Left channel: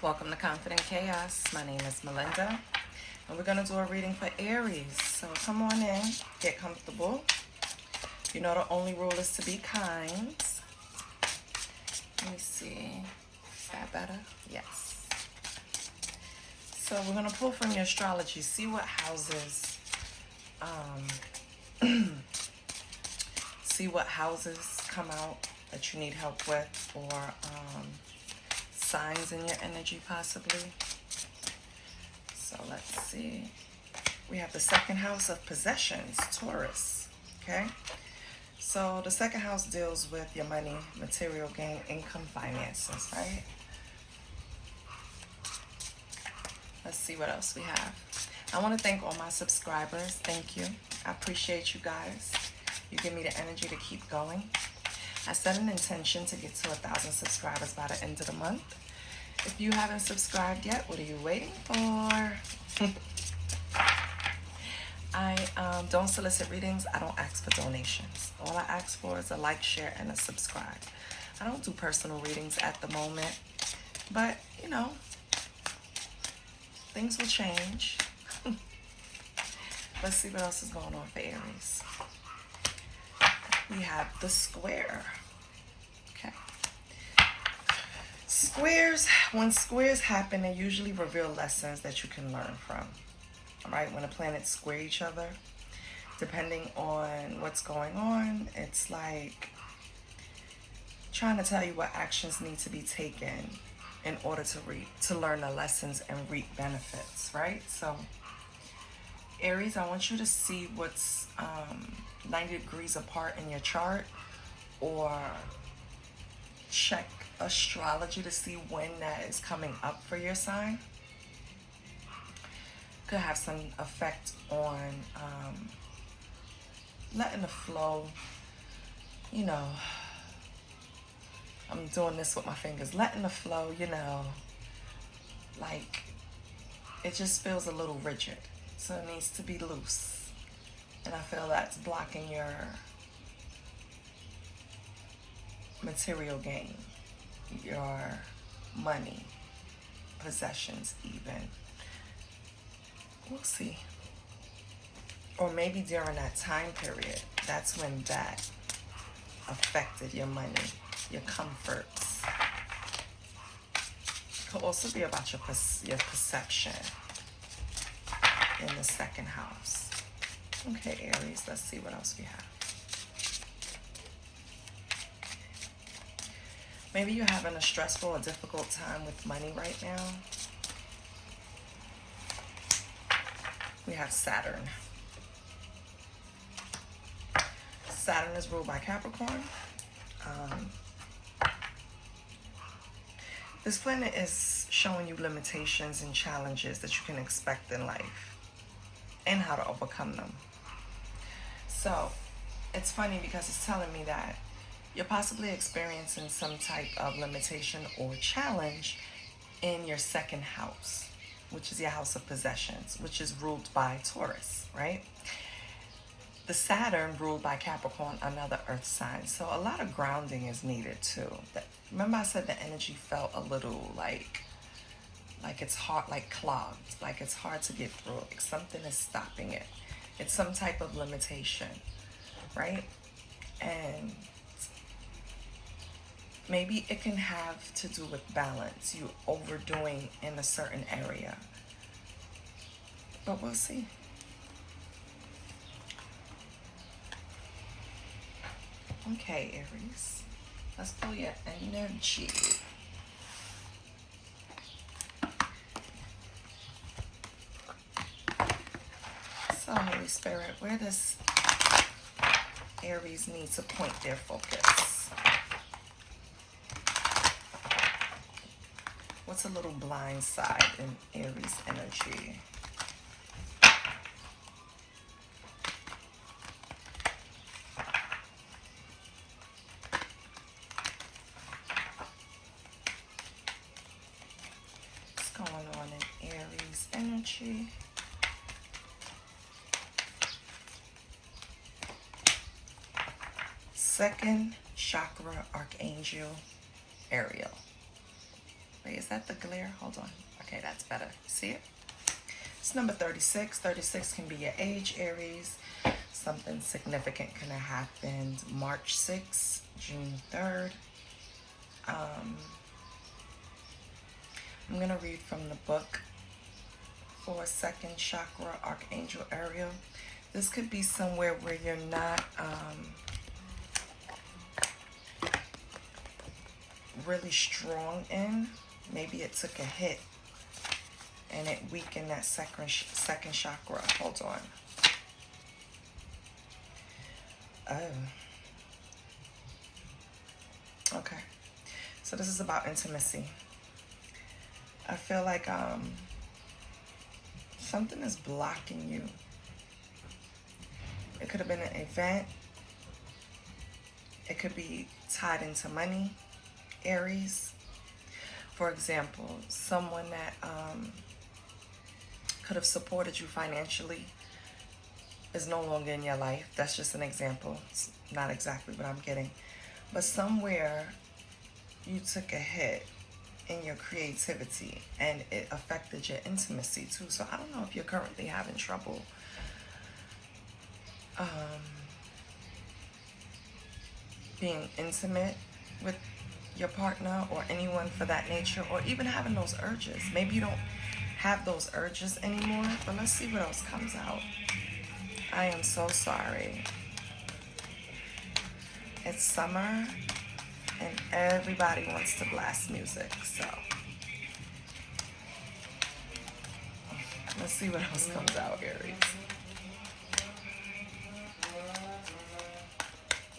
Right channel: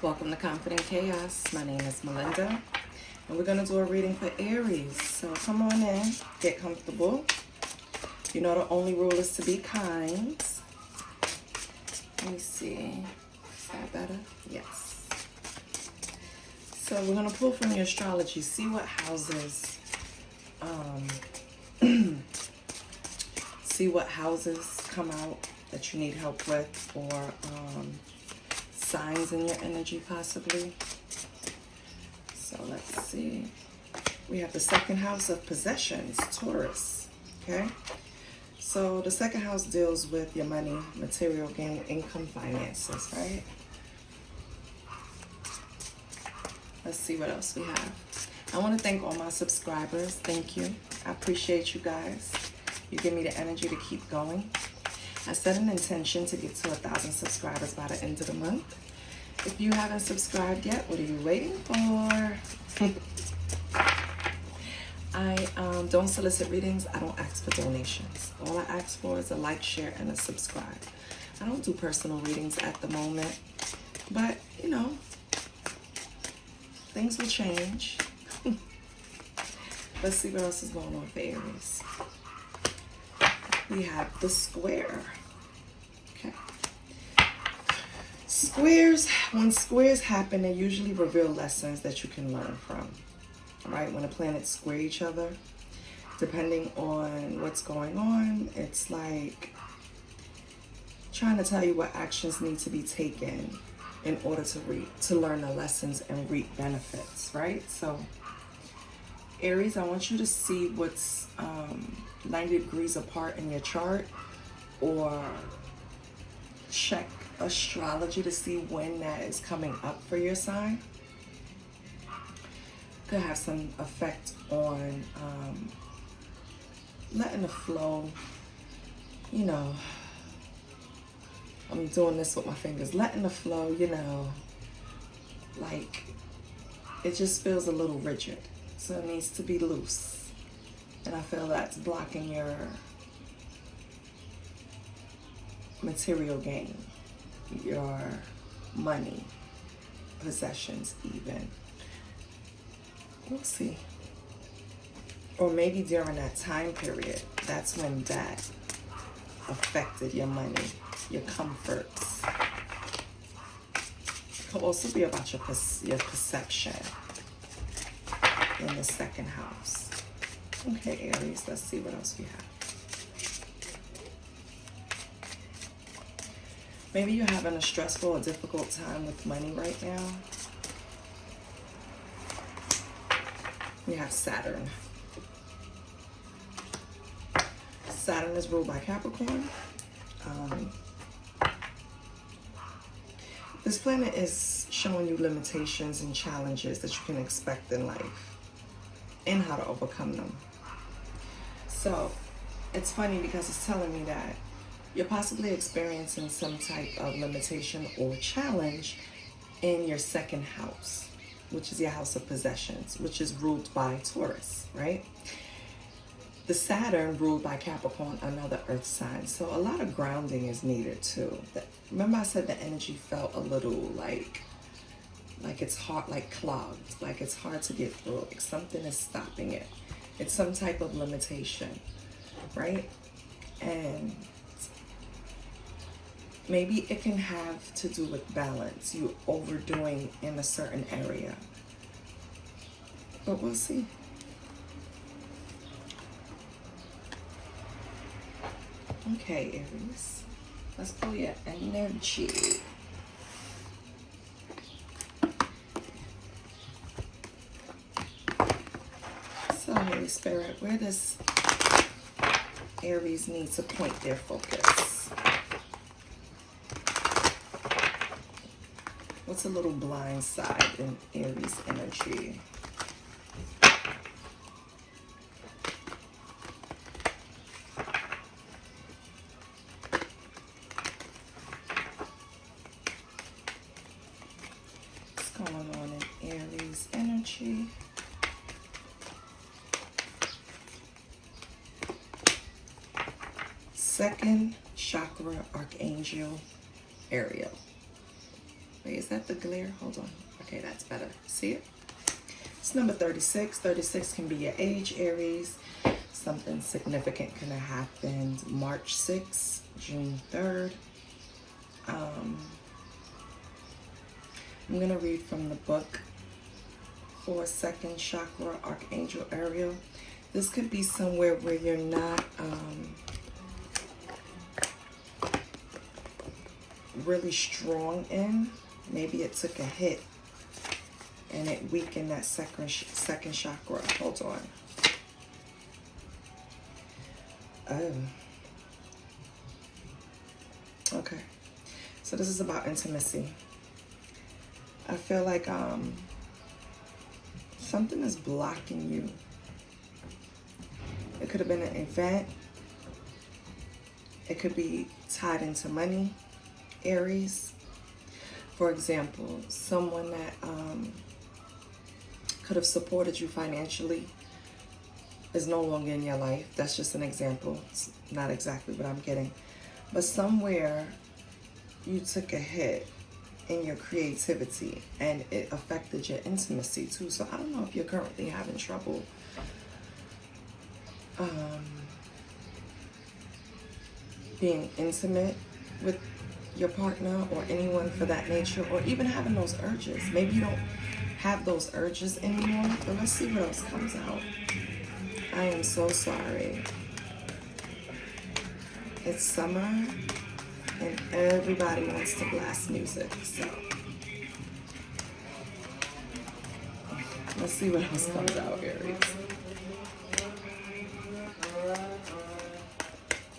Welcome to Confident Chaos. My name is Melinda, and we're going to do a reading for Aries. So come on in, get comfortable. You know the only rule is to be kind. Let me see. Is that better? Yes. So we're going to pull from your astrology, see what houses, see what houses come out that you need help with, or signs in your energy possibly. So let's see. We have the second house of possessions, Taurus. Okay. So the second house deals with your money, material gain, income, finances, right? Let's see what else we have. I want to thank all my subscribers. Thank you. I appreciate you guys. You give me the energy to keep going. I set an intention to get to 1,000 subscribers by the end of the month. If you haven't subscribed yet, what are you waiting for? I don't solicit readings. I don't ask for donations. All I ask for is a like, share, and a subscribe. I don't do personal readings at the moment, but you know, things will change. Let's see what else is going on for Aries. We have the square. Okay. Squares, when squares happen, they usually reveal lessons that you can learn from. All right, when the planets square each other, depending on what's going on, it's like trying to tell you what actions need to be taken in order to learn the lessons and reap benefits, right? So Aries, I want you to see what's 90 degrees apart in your chart, or check astrology to see when that is coming up for your sign. Could have some effect on letting the flow, you know, I'm doing this with my fingers, letting the flow, you know, like it just feels a little rigid. So it needs to be loose. And I feel that's blocking your material gain, your money, possessions even. We'll see. Or maybe during that time period, that's when that affected your money, your comforts. It could also be about your perception in the second house. Okay, Aries, let's see what else we have. Maybe you're having a stressful or difficult time with money right now. We have Saturn. Saturn is ruled by Capricorn. This planet is showing you limitations and challenges that you can expect in life and how to overcome them. So it's funny because it's telling me that you're possibly experiencing some type of limitation or challenge in your second house, which is your house of possessions, which is ruled by Taurus, right? The Saturn ruled by Capricorn, another earth sign. So a lot of grounding is needed too. Remember I said the energy felt a little like it's hard, like clogged, like it's hard to get through. Like something is stopping it. It's some type of limitation, right? And maybe it can have to do with balance, you overdoing in a certain area. But we'll see. Okay, Aries, let's pull your energy. So, Holy Spirit, where does Aries need to point their focus? What's a little blind side in Aries energy? What's going on in Aries energy? Second chakra archangel Ariel. Wait, is that the glare? Hold on. Okay, that's better. See it? It's number 36. 36 can be your age, Aries. Something significant can have happened March 6th, June 3rd. I'm going to read from the book for second chakra, Archangel Ariel. This could be somewhere where you're not really strong in. Maybe it took a hit and it weakened that second chakra. Hold on. Oh. Okay. So this is about intimacy. I feel like something is blocking you. It could have been an event. It could be tied into money, Aries. For example, someone that could have supported you financially is no longer in your life. That's just an example. It's not exactly what I'm getting. But somewhere you took a hit in your creativity and it affected your intimacy too. So I don't know if you're currently having trouble being intimate with your partner or anyone for that nature, or even having those urges. Maybe you don't have those urges anymore, but let's see what else comes out. I am so sorry. It's summer and everybody wants to blast music, so let's see what else comes out, Aries.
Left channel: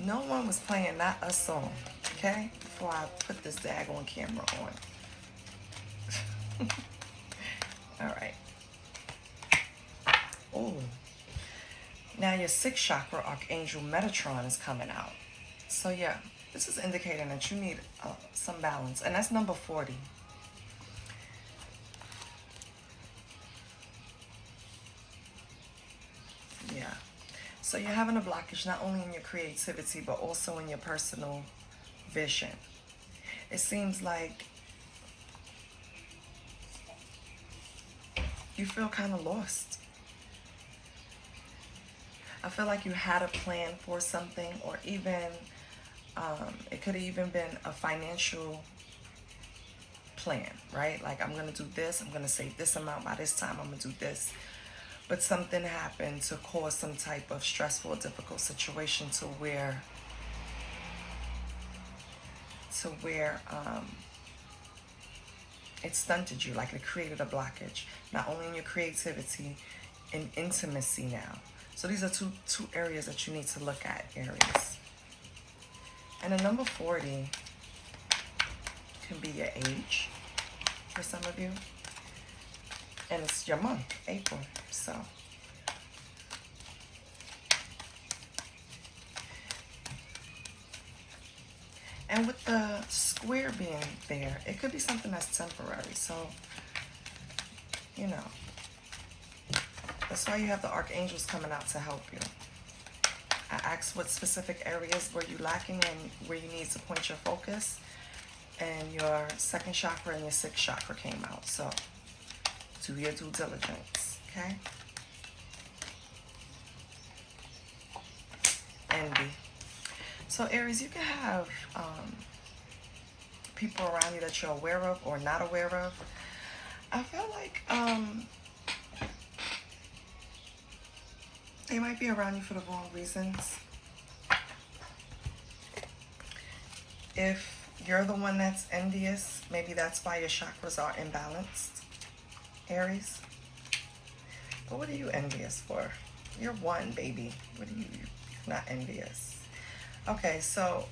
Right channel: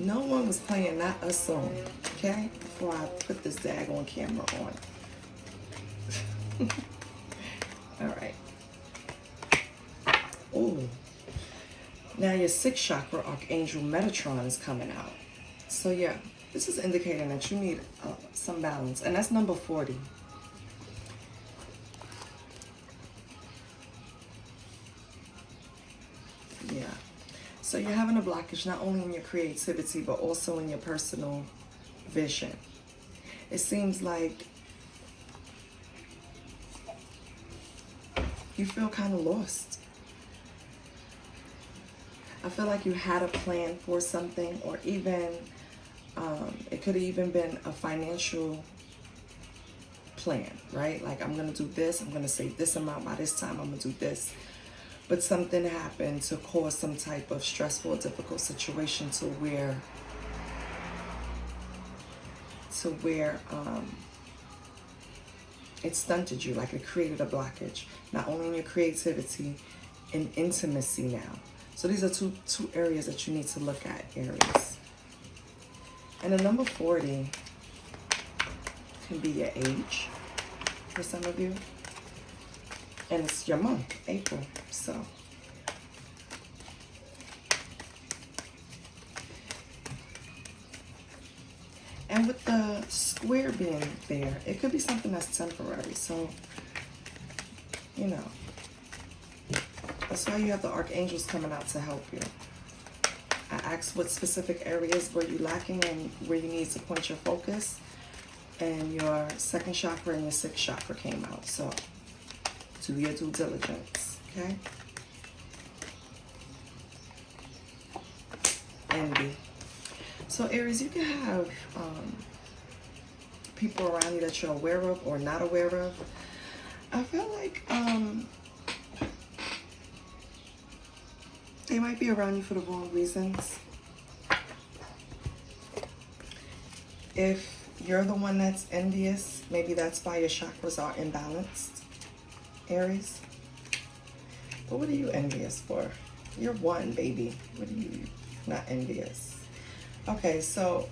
No one was playing not a song, okay? Before I put this daggone camera on. All right. Ooh. Now your sixth chakra, Archangel Metatron, is coming out. So yeah, this is indicating that you need some balance. And that's number 40. Yeah. So you're having a blockage not only in your creativity, but also in your personal vision. It seems like you feel kind of lost. I feel like you had a plan for something, or even it could have even been a financial plan, right? Like, I'm going to do this, I'm going to save this amount by this time, I'm going to do this. But something happened to cause some type of stressful, difficult situation to where it stunted you, like it created a blockage, not only in your creativity, in intimacy now. So these are two areas that you need to look at, Aries. And the number 40 can be your age for some of you. And it's your month, April. So and with the square being there, it could be something that's temporary. So, you know, that's why you have the archangels coming out to help you. I asked what specific areas were you lacking and where you need to point your focus. And your second chakra and your sixth chakra came out. So do your due diligence, okay? Envy. So Aries, you can have people around you that you're aware of or not aware of. I feel like they might be around you for the wrong reasons. If you're the one that's envious, maybe that's why your chakras are imbalanced, Aries. But what are you envious for? You're one, baby. What are you? You're not envious. Okay, so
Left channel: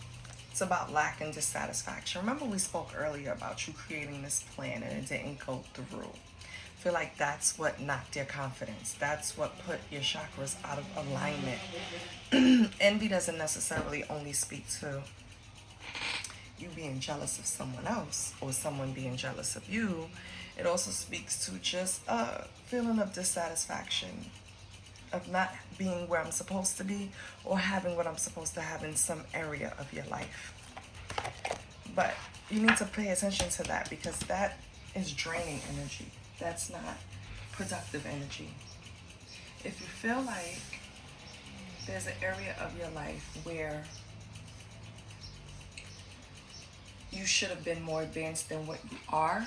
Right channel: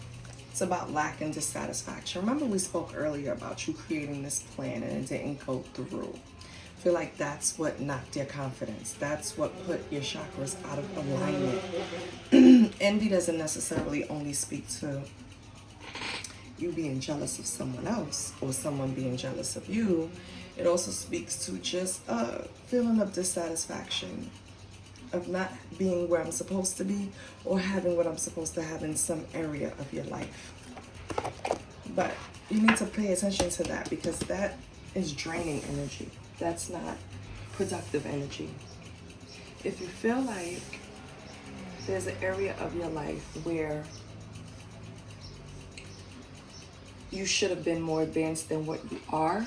it's about lack and dissatisfaction. Remember we spoke earlier about you creating this plan and it didn't go through. I feel like that's what knocked your confidence. That's what put your chakras out of alignment. Envy doesn't necessarily only speak to you being jealous of someone else or someone being jealous of you. It also speaks to just a feeling of dissatisfaction, of not being where I'm supposed to be or having what I'm supposed to have in some area of your life. But You need to pay attention to that, because that is draining energy. That's not productive energy. If you feel like there's an area of your life where you should have been more advanced than what you are,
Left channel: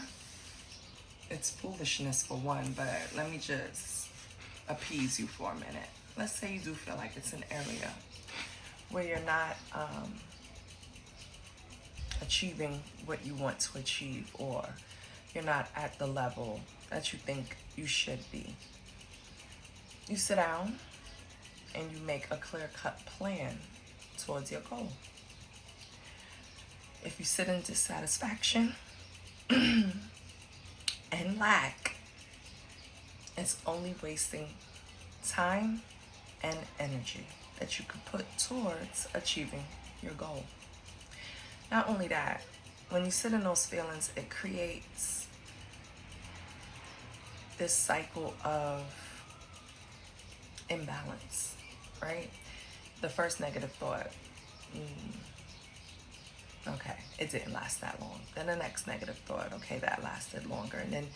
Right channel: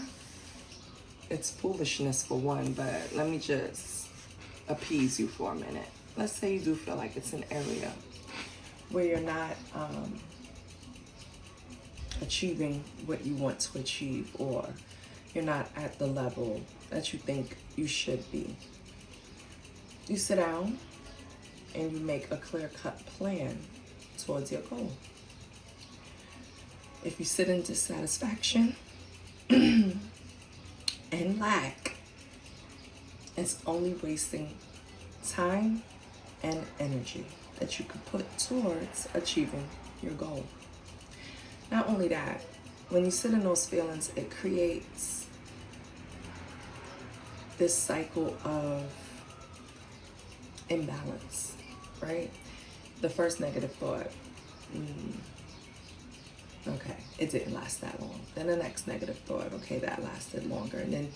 it's foolishness for one, but let me just appease you for a minute. Let's say you do feel like it's an area where you're not achieving what you want to achieve, or you're not at the level that you think you should be. You sit down and you make a clear-cut plan towards your goal. If you sit in dissatisfaction and lack, it's only wasting time and energy that you could put towards achieving your goal. Not only that, when you sit in those feelings, it creates this cycle of imbalance, right? The first negative thought, okay, it didn't last that long. Then the next negative thought, okay, that lasted longer. And then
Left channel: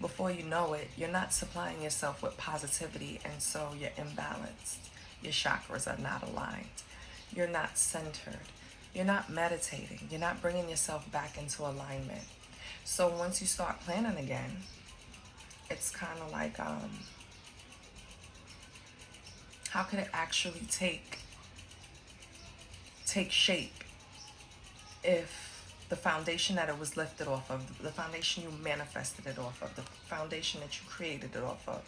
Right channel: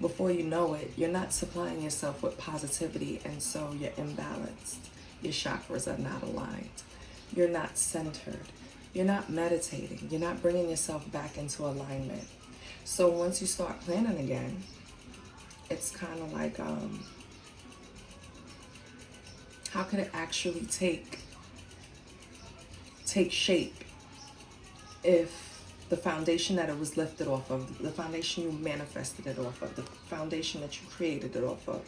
before you know it, you're not supplying yourself with positivity, and so you're imbalanced. Your chakras are not aligned. You're not centered. You're not meditating. You're not bringing yourself back into alignment. So once you start planning again, it's kind of like, how can it actually take shape if the foundation that it was lifted off of, the foundation you manifested it off of, the foundation that you created it off of,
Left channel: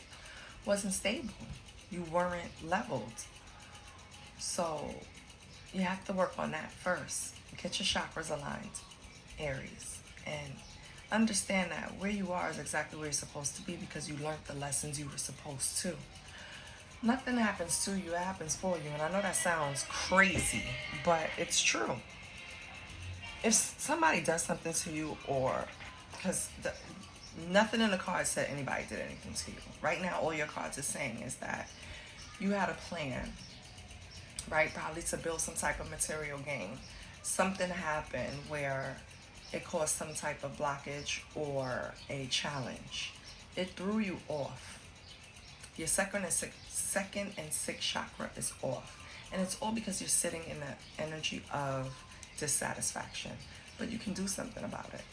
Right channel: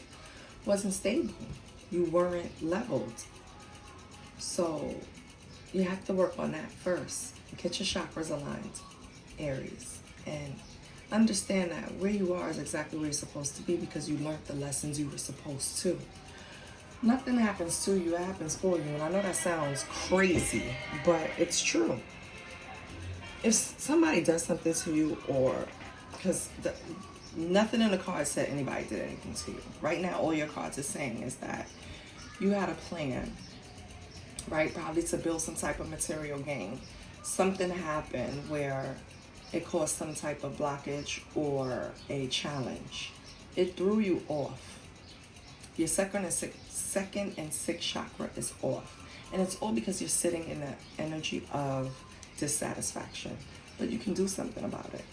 wasn't stable? You weren't leveled. So you have to work on that first. Get your chakras aligned, Aries, and understand that where you are is exactly where you're supposed to be, because you learned the lessons you were supposed to. Nothing happens to you, it happens for you. And I know that sounds crazy, but it's true. If somebody does something to you, or because nothing in the cards said anybody did anything to you. Right now, all your cards are saying is that you had a plan, right? Probably to build some type of material gain. Something happened where it caused some type of blockage or a challenge. It threw you off. Your second and sixth chakra is off. And it's all because you're sitting in the energy of dissatisfaction. But you can do something about it,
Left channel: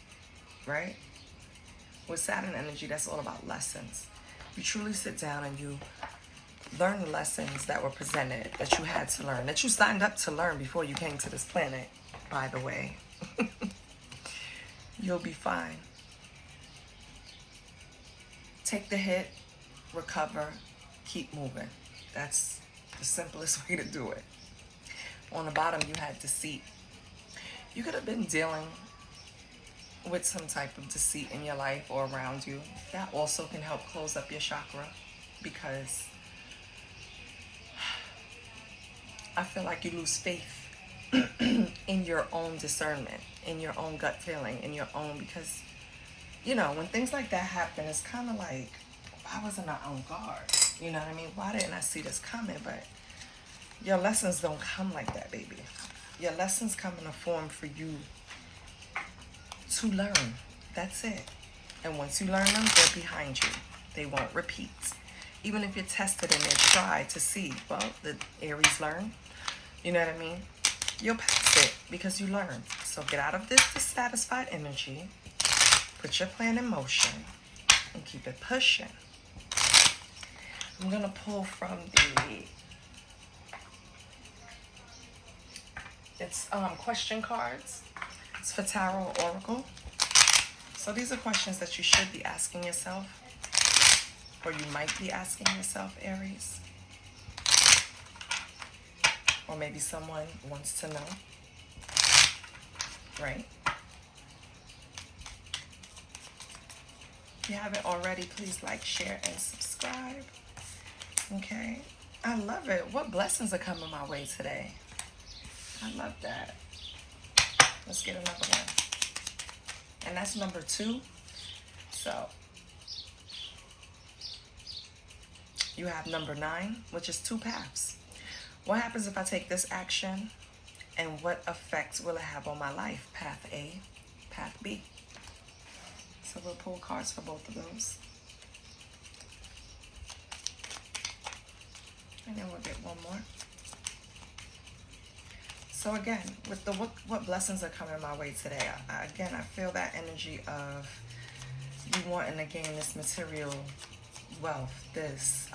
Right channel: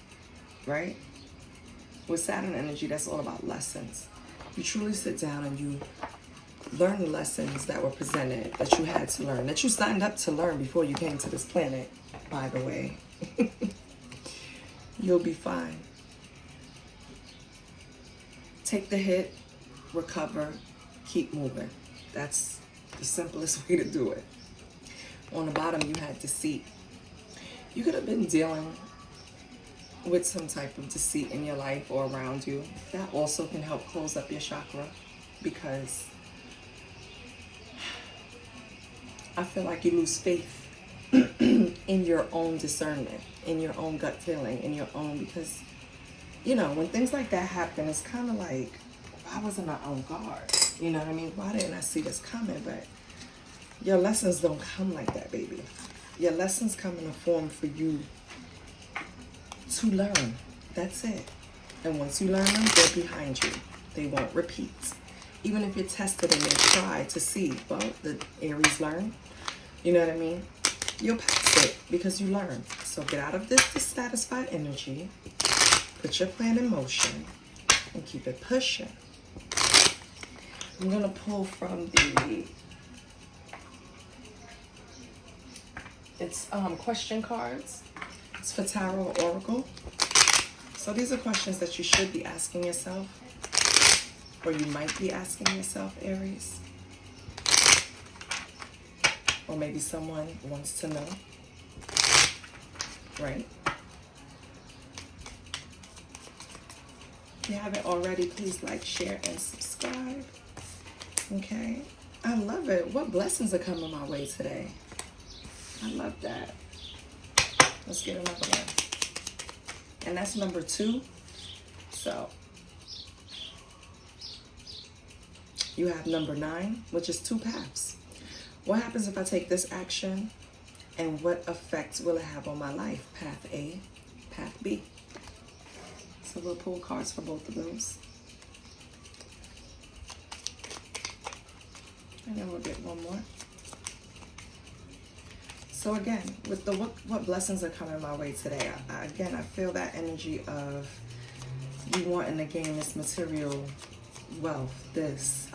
right? With Saturn energy, that's all about lessons. You truly sit down and you learn the lessons that were presented, that you had to learn, that you signed up to learn before you came to this planet, by the way. You'll be fine. Take the hit, recover, keep moving. That's the simplest way to do it. On the bottom, you had deceit. You could have been dealing with some type of deceit in your life or around you. That also can help close up your chakra, because I feel like you lose faith in your own discernment, in your own gut feeling, in your own, because, you know, when things like that happen, it's kind of like, why wasn't I on guard? You know what I mean? Why didn't I see this coming? But your lessons don't come like that, baby. Your lessons come in a form for you to learn. That's it. And once you learn them, they're behind you. They won't repeat. Even if you're tested and they try to see, well, the Aries learn. You know what I mean? You'll pass it because you learned. So get out of this dissatisfied energy, put your plan in motion, and keep it pushing. I'm going to pull from it's question cards. It's for Tarot Oracle. So these are questions that you should be asking yourself, or you might be asking yourself, Aries. Or maybe someone wants to know, right? If you haven't already, please like, share, and subscribe. Okay? I love it. What blessings are coming my way today? I love that. Let's get another one. And that's number 2. So you have number 9, which is 2 paths. What happens if I take this action, and what effects will it have on my life? Path A, path B. So we'll pull cards for both of those. And then we'll get one more. So again, with the what blessings are coming my way today, I feel that energy of you wanting to gain this material wealth, this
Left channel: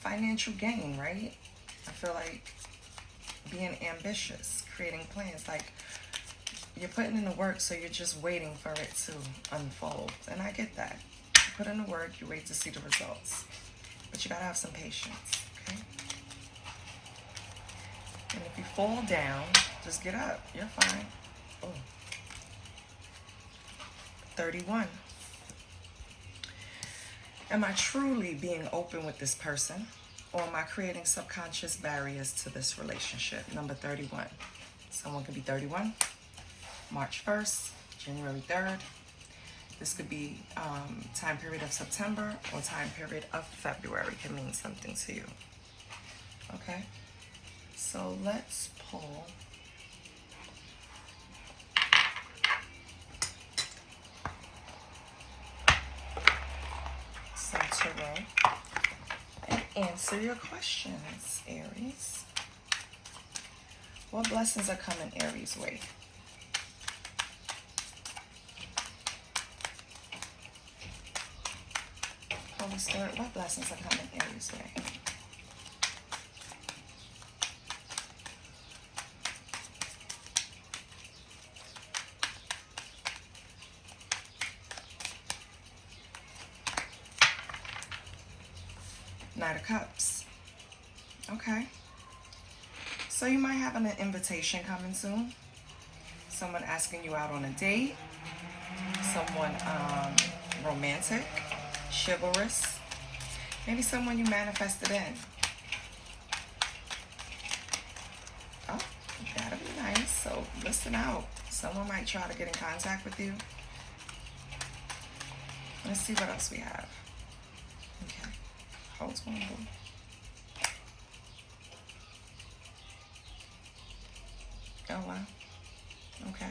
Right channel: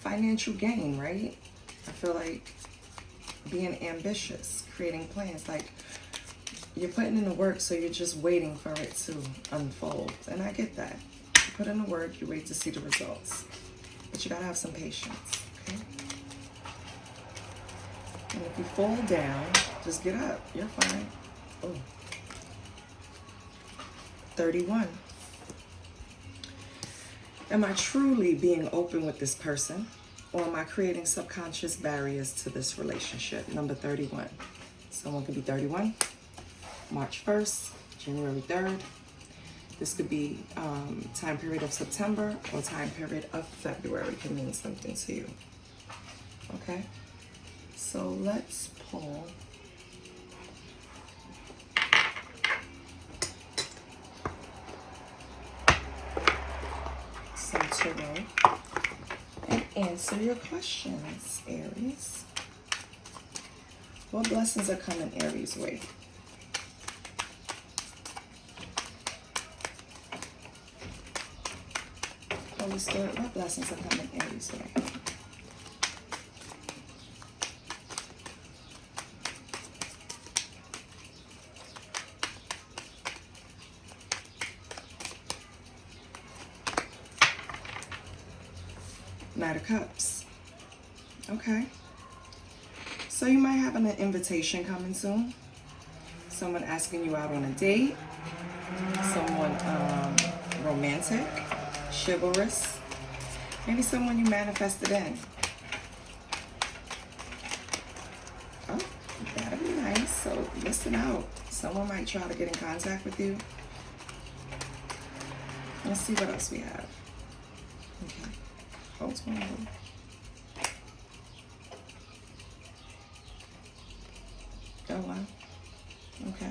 financial gain, right? I feel like being ambitious, creating plans, like you're putting in the work, so you're just waiting for it to unfold. And I get that. You put in the work, you wait to see the results. But you gotta have some patience, okay? And if you fall down, just get up. You're fine. Oh. 31. Am I truly being open with this person, or am I creating subconscious barriers to this relationship? Number 31. Someone could be 31, March 1st, January 3rd. This could be time period of September or time period of February. Can mean something to you. Okay? So let's pull some tarot and answer your questions, Aries. What blessings are coming Aries' way? Holy Spirit, what blessings are coming Aries' way? Knight of Cups. Okay. So you might have an invitation coming soon. Someone asking you out on a date. Someone romantic, chivalrous. Maybe someone you manifested in. Oh, that'll be nice. So listen out. Someone might try to get in contact with you. Let's see what else we have. Okay. Hold on. Oh, wow. Okay.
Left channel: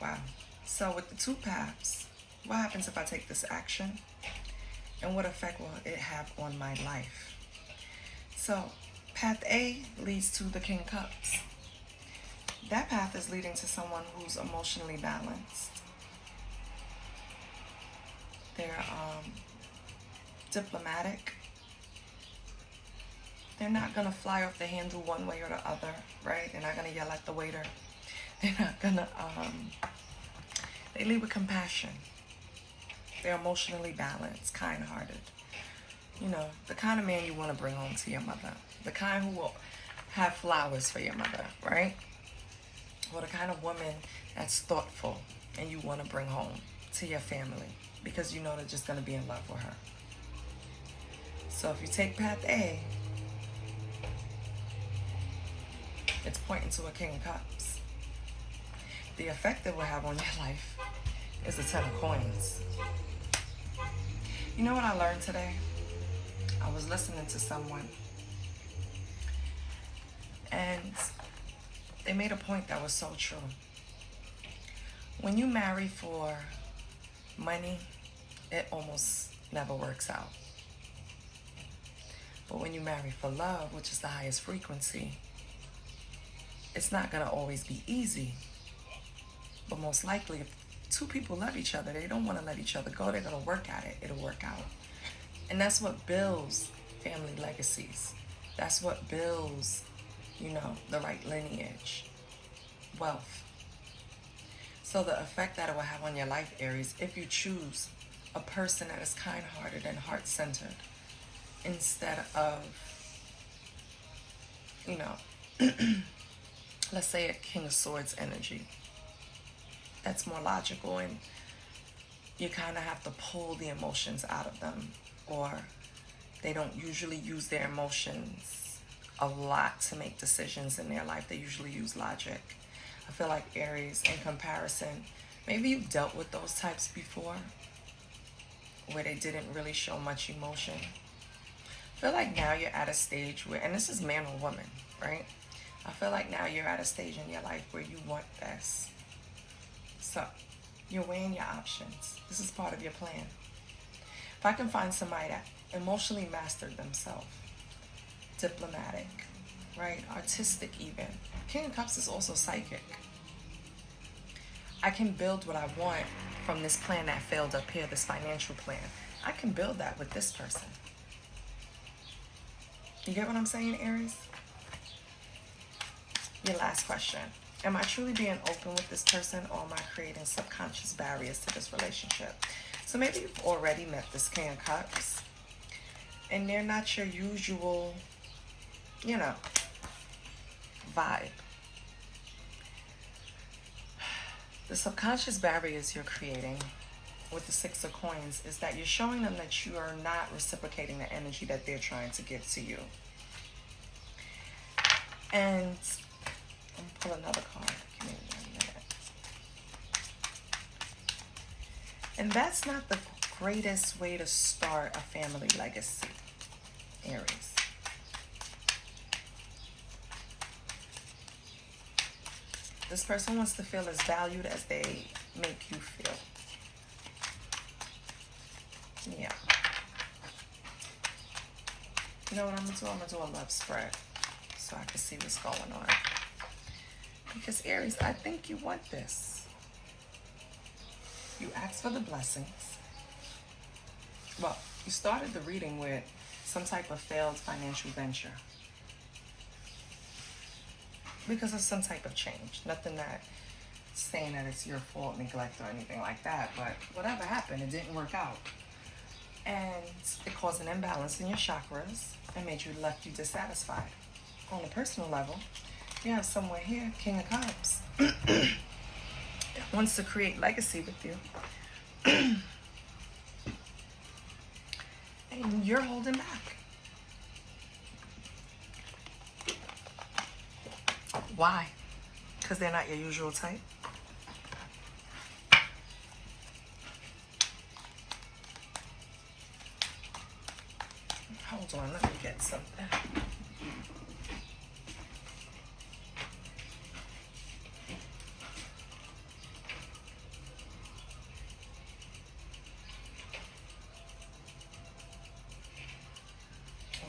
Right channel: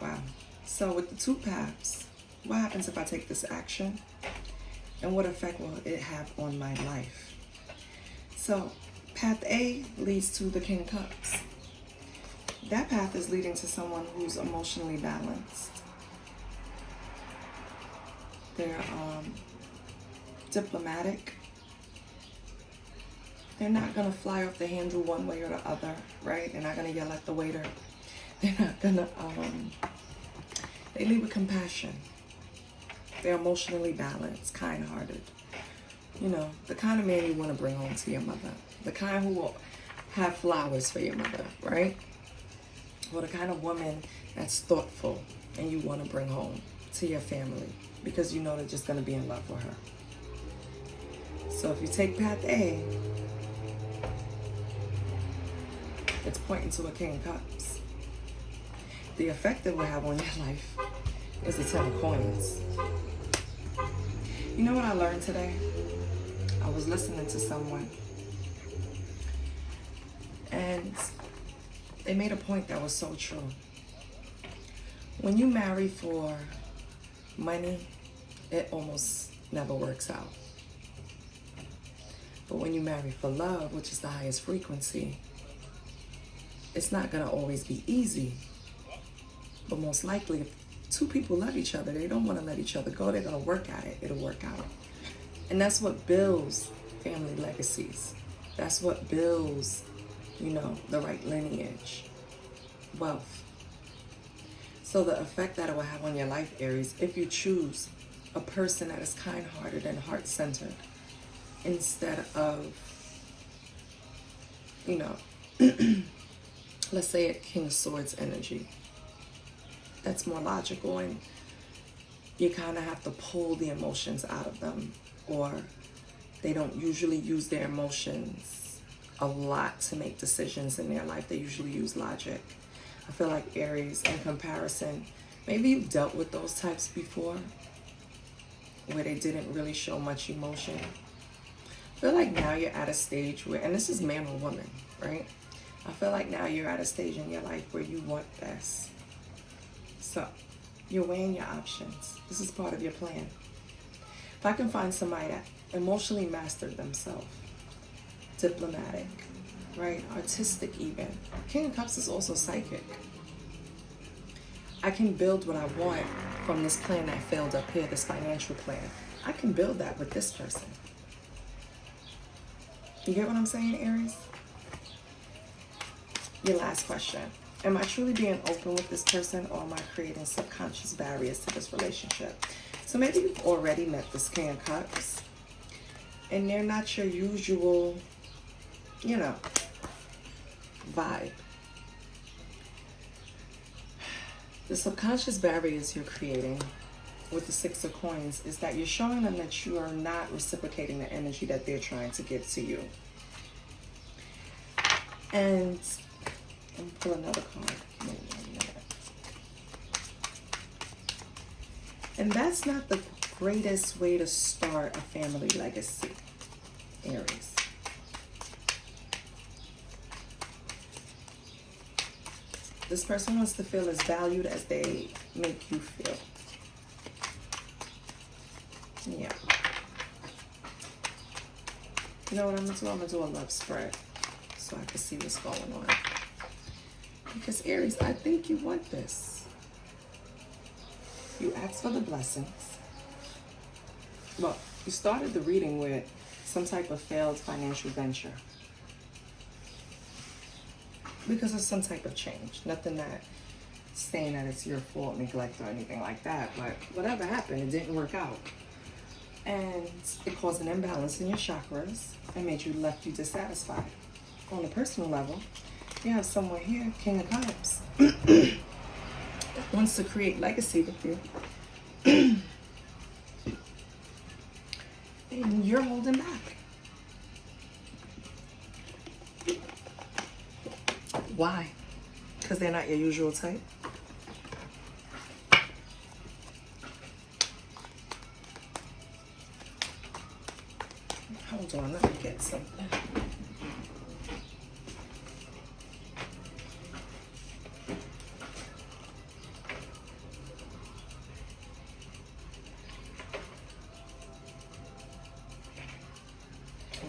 Wow. So with the two paths, what happens if I take this action? And what effect will it have on my life? So path A leads to the King of Cups. That path is leading to someone who's emotionally balanced. They're diplomatic. They're not going to fly off the handle one way or the other, right? They're not going to yell at the waiter. They're not going to, they lead with compassion. They're emotionally balanced, kind-hearted. You know, the kind of man you want to bring home to your mother. The kind who will have flowers for your mother, right? Or the kind of woman that's thoughtful and you want to bring home to your family, because you know they're just going to be in love with her. So if you take path A, it's pointing to a King of Cups. The effect it will have on your life is the 10 of Coins. You know what I learned today? I was listening to someone, and they made a point that was so true. When you marry for money, it almost never works out. But when you marry for love, which is the highest frequency, it's not going to always be easy. But most likely, if two people love each other, they don't want to let each other go, they're going to work at it. It'll work out. And that's what builds family legacies. That's what builds, you know, the right lineage, wealth. So the effect that it will have on your life, Aries, if you choose a person that is kind-hearted and heart-centered instead of, you know, let's say a King of Swords energy. That's more logical, and you kind of have to pull the emotions out of them, or they don't usually use their emotions a lot to make decisions in their life. They usually use logic. I feel like Aries, in comparison, maybe you've dealt with those types before, where they didn't really show much emotion. feel like now you're at a stage where, and this is man or woman, right? I feel like now you're at a stage in your life where you want this. So you're weighing your options. This is part of your plan. If I can find somebody that emotionally mastered themselves, diplomatic, right? Artistic even. King of Cups is also psychic. I can build what I want from this plan that failed up here, this financial plan. I can build that with this person. You get what I'm saying, Aries? Your last question. Am I truly being open with this person, or am I creating subconscious barriers to this relationship? So maybe you've already met this King of Cups, and they're not your usual, you know, vibe. The subconscious barriers you're creating with the Six of Coins is that you're showing them that you are not reciprocating the energy that they're trying to give to you. And let me pull another card. Give me 1 minute. And that's not the greatest way to start a family legacy, Aries. This person wants to feel as valued as they make you feel. Yeah. You know what I'm going to do? I'm going to do a love spread so I can see what's going on. Because Aries, I think you want this. You asked for the blessings. Well, you started the reading with some type of failed financial venture. Because of some type of change. Nothing that saying that it's your fault, neglect, or anything like that. But whatever happened, it didn't work out. And it caused an imbalance in your chakras and made you left you dissatisfied. On a personal level, you have someone here, King of Cups, that wants to create legacy with you. And you're holding back. Why? Because they're not your usual type? Hold on, let me get something.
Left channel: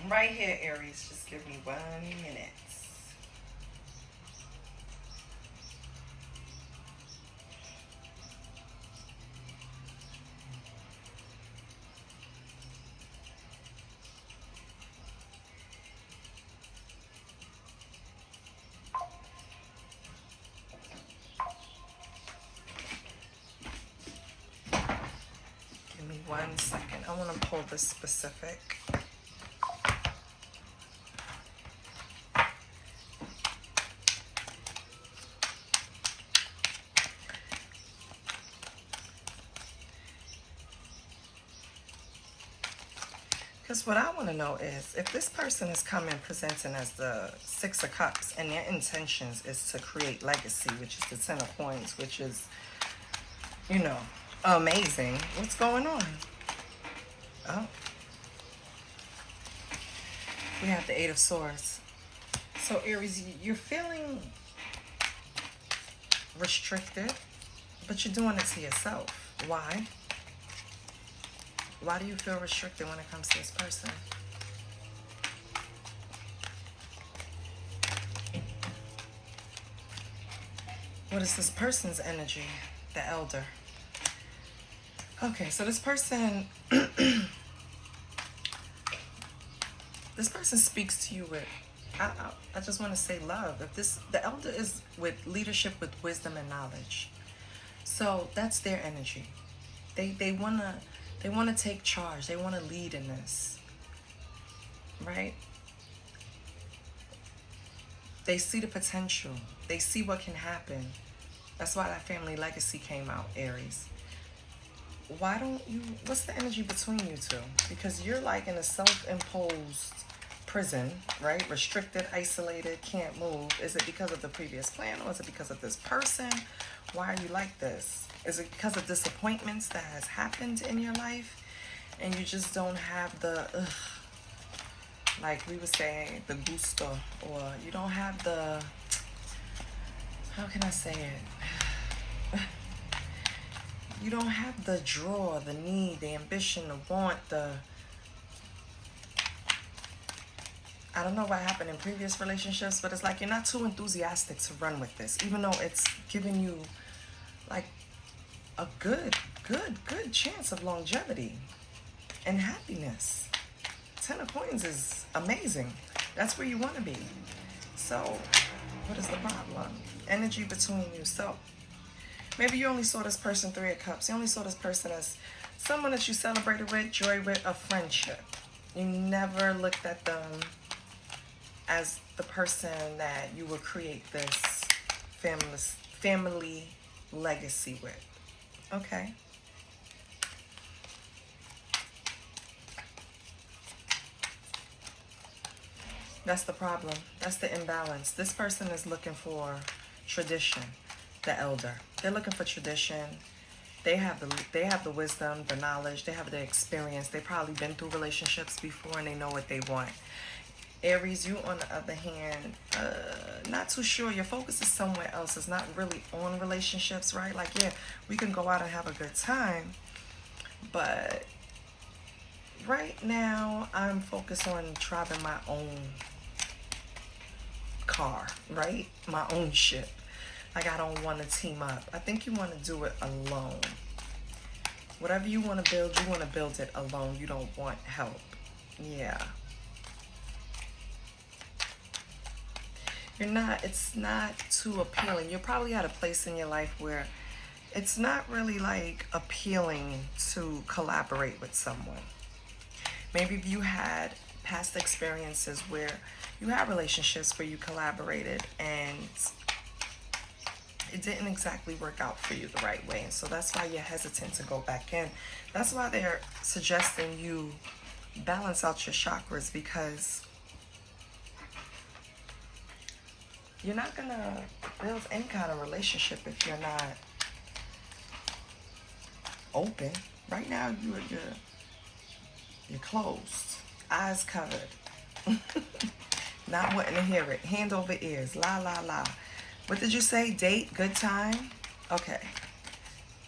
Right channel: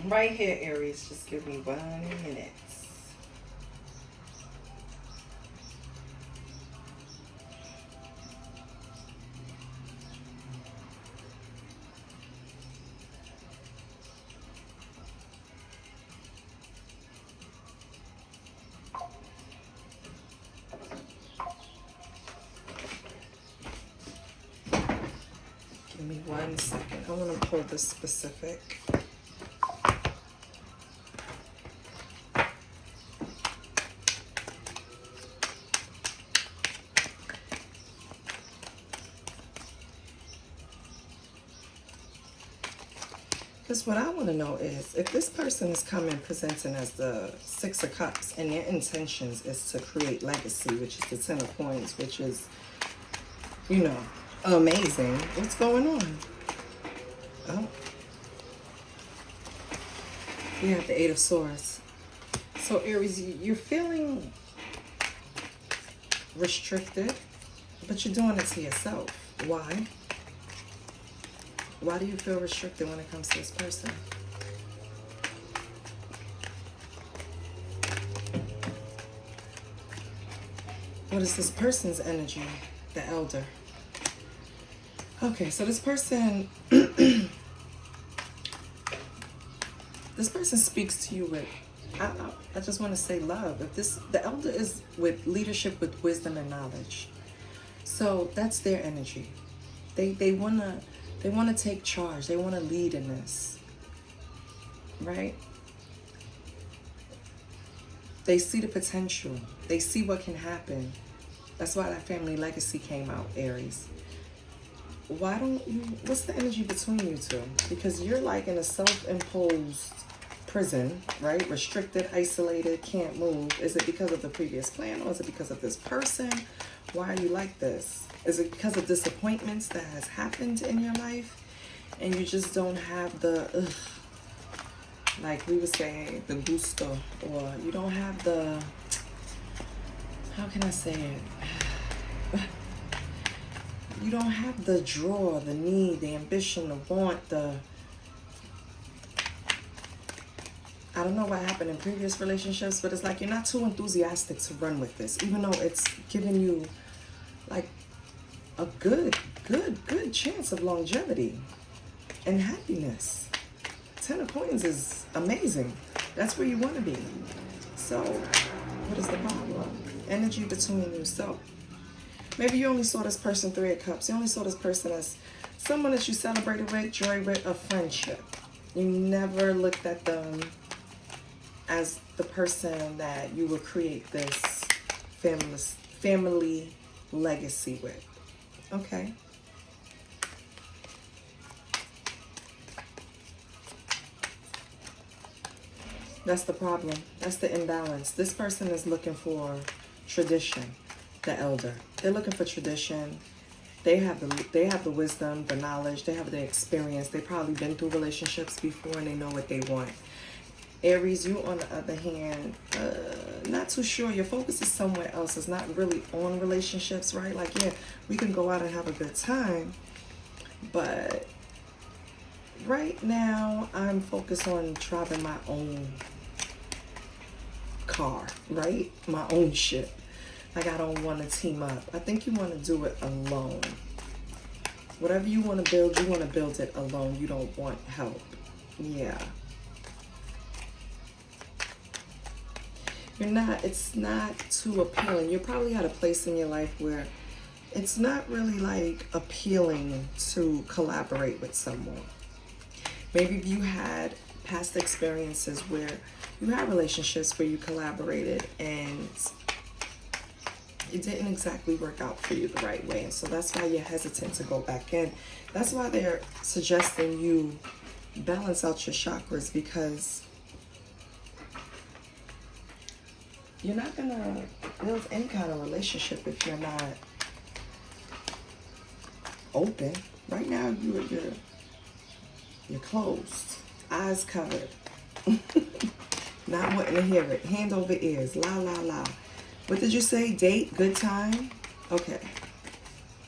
Right here, Aries, just give me 1 minute. Give me 1 second. I want to pull this specific. Because what I want to know is, if this person is coming presenting as the Six of Cups and their intentions is to create legacy, which is the 10 of Coins, which is, you know, amazing. What's going on? Oh. We have the 8 of Swords. So Aries, you're feeling restricted, but you're doing it to yourself. Why? Why do you feel restricted when it comes to this person? What is this person's energy? The Elder. Okay, so this person, this person speaks to you with, I just want to say love. If this, the Elder is with leadership, with wisdom and knowledge. So that's their energy. They wanna take charge. They want to lead in this, right? They see the potential. They see what can happen. That's why that family legacy came out, Aries. Why don't you, what's the energy between you two? Because you're like in a self-imposed prison, right? Restricted, isolated, can't move. Is it because of the previous plan, or is it because of this person? Why are you like this? Is it because of disappointments that has happened in your life and you just don't have the Like we would say, the gusto, or you don't have the, how can I say it? You don't have the draw, the need, the ambition, the want, I don't know what happened in previous relationships, but it's like you're not too enthusiastic to run with this, even though it's giving you like a good chance of longevity and happiness. 10 of Coins is amazing. That's where you want to be. So what is the problem? Energy between you. So maybe you only saw this person 3 of Cups. You only saw this person as someone that you celebrated with, joy with, a friendship. You never looked at them as the person that you will create this family legacy with. Okay. That's the problem. That's the imbalance. This person is looking for tradition, the elder. They're looking for tradition. They have the wisdom, the knowledge, they have the experience. They've probably been through relationships before and they know what they want. Aries, you on the other hand, not too sure. Your focus is somewhere else. It's not really on relationships, right? Like, yeah, we can go out and have a good time, but right now I'm focused on driving my own car, right? My own ship. Like, I don't want to team up. I think you want to do it alone. Whatever you want to build, you want to build it alone. You don't want help. Yeah. It's not too appealing. You're probably at a place in your life where it's not really like appealing to collaborate with someone. Maybe you had past experiences where you had relationships where you collaborated and it didn't exactly work out for you the right way. So that's why you're hesitant to go back in. That's why they're suggesting you balance out your chakras, because you're not going to build any kind of relationship if you're not open. Right now, you're closed, eyes covered, not wanting to hear it, hand over ears, la, la, la. What did you say? Date, good time? Okay.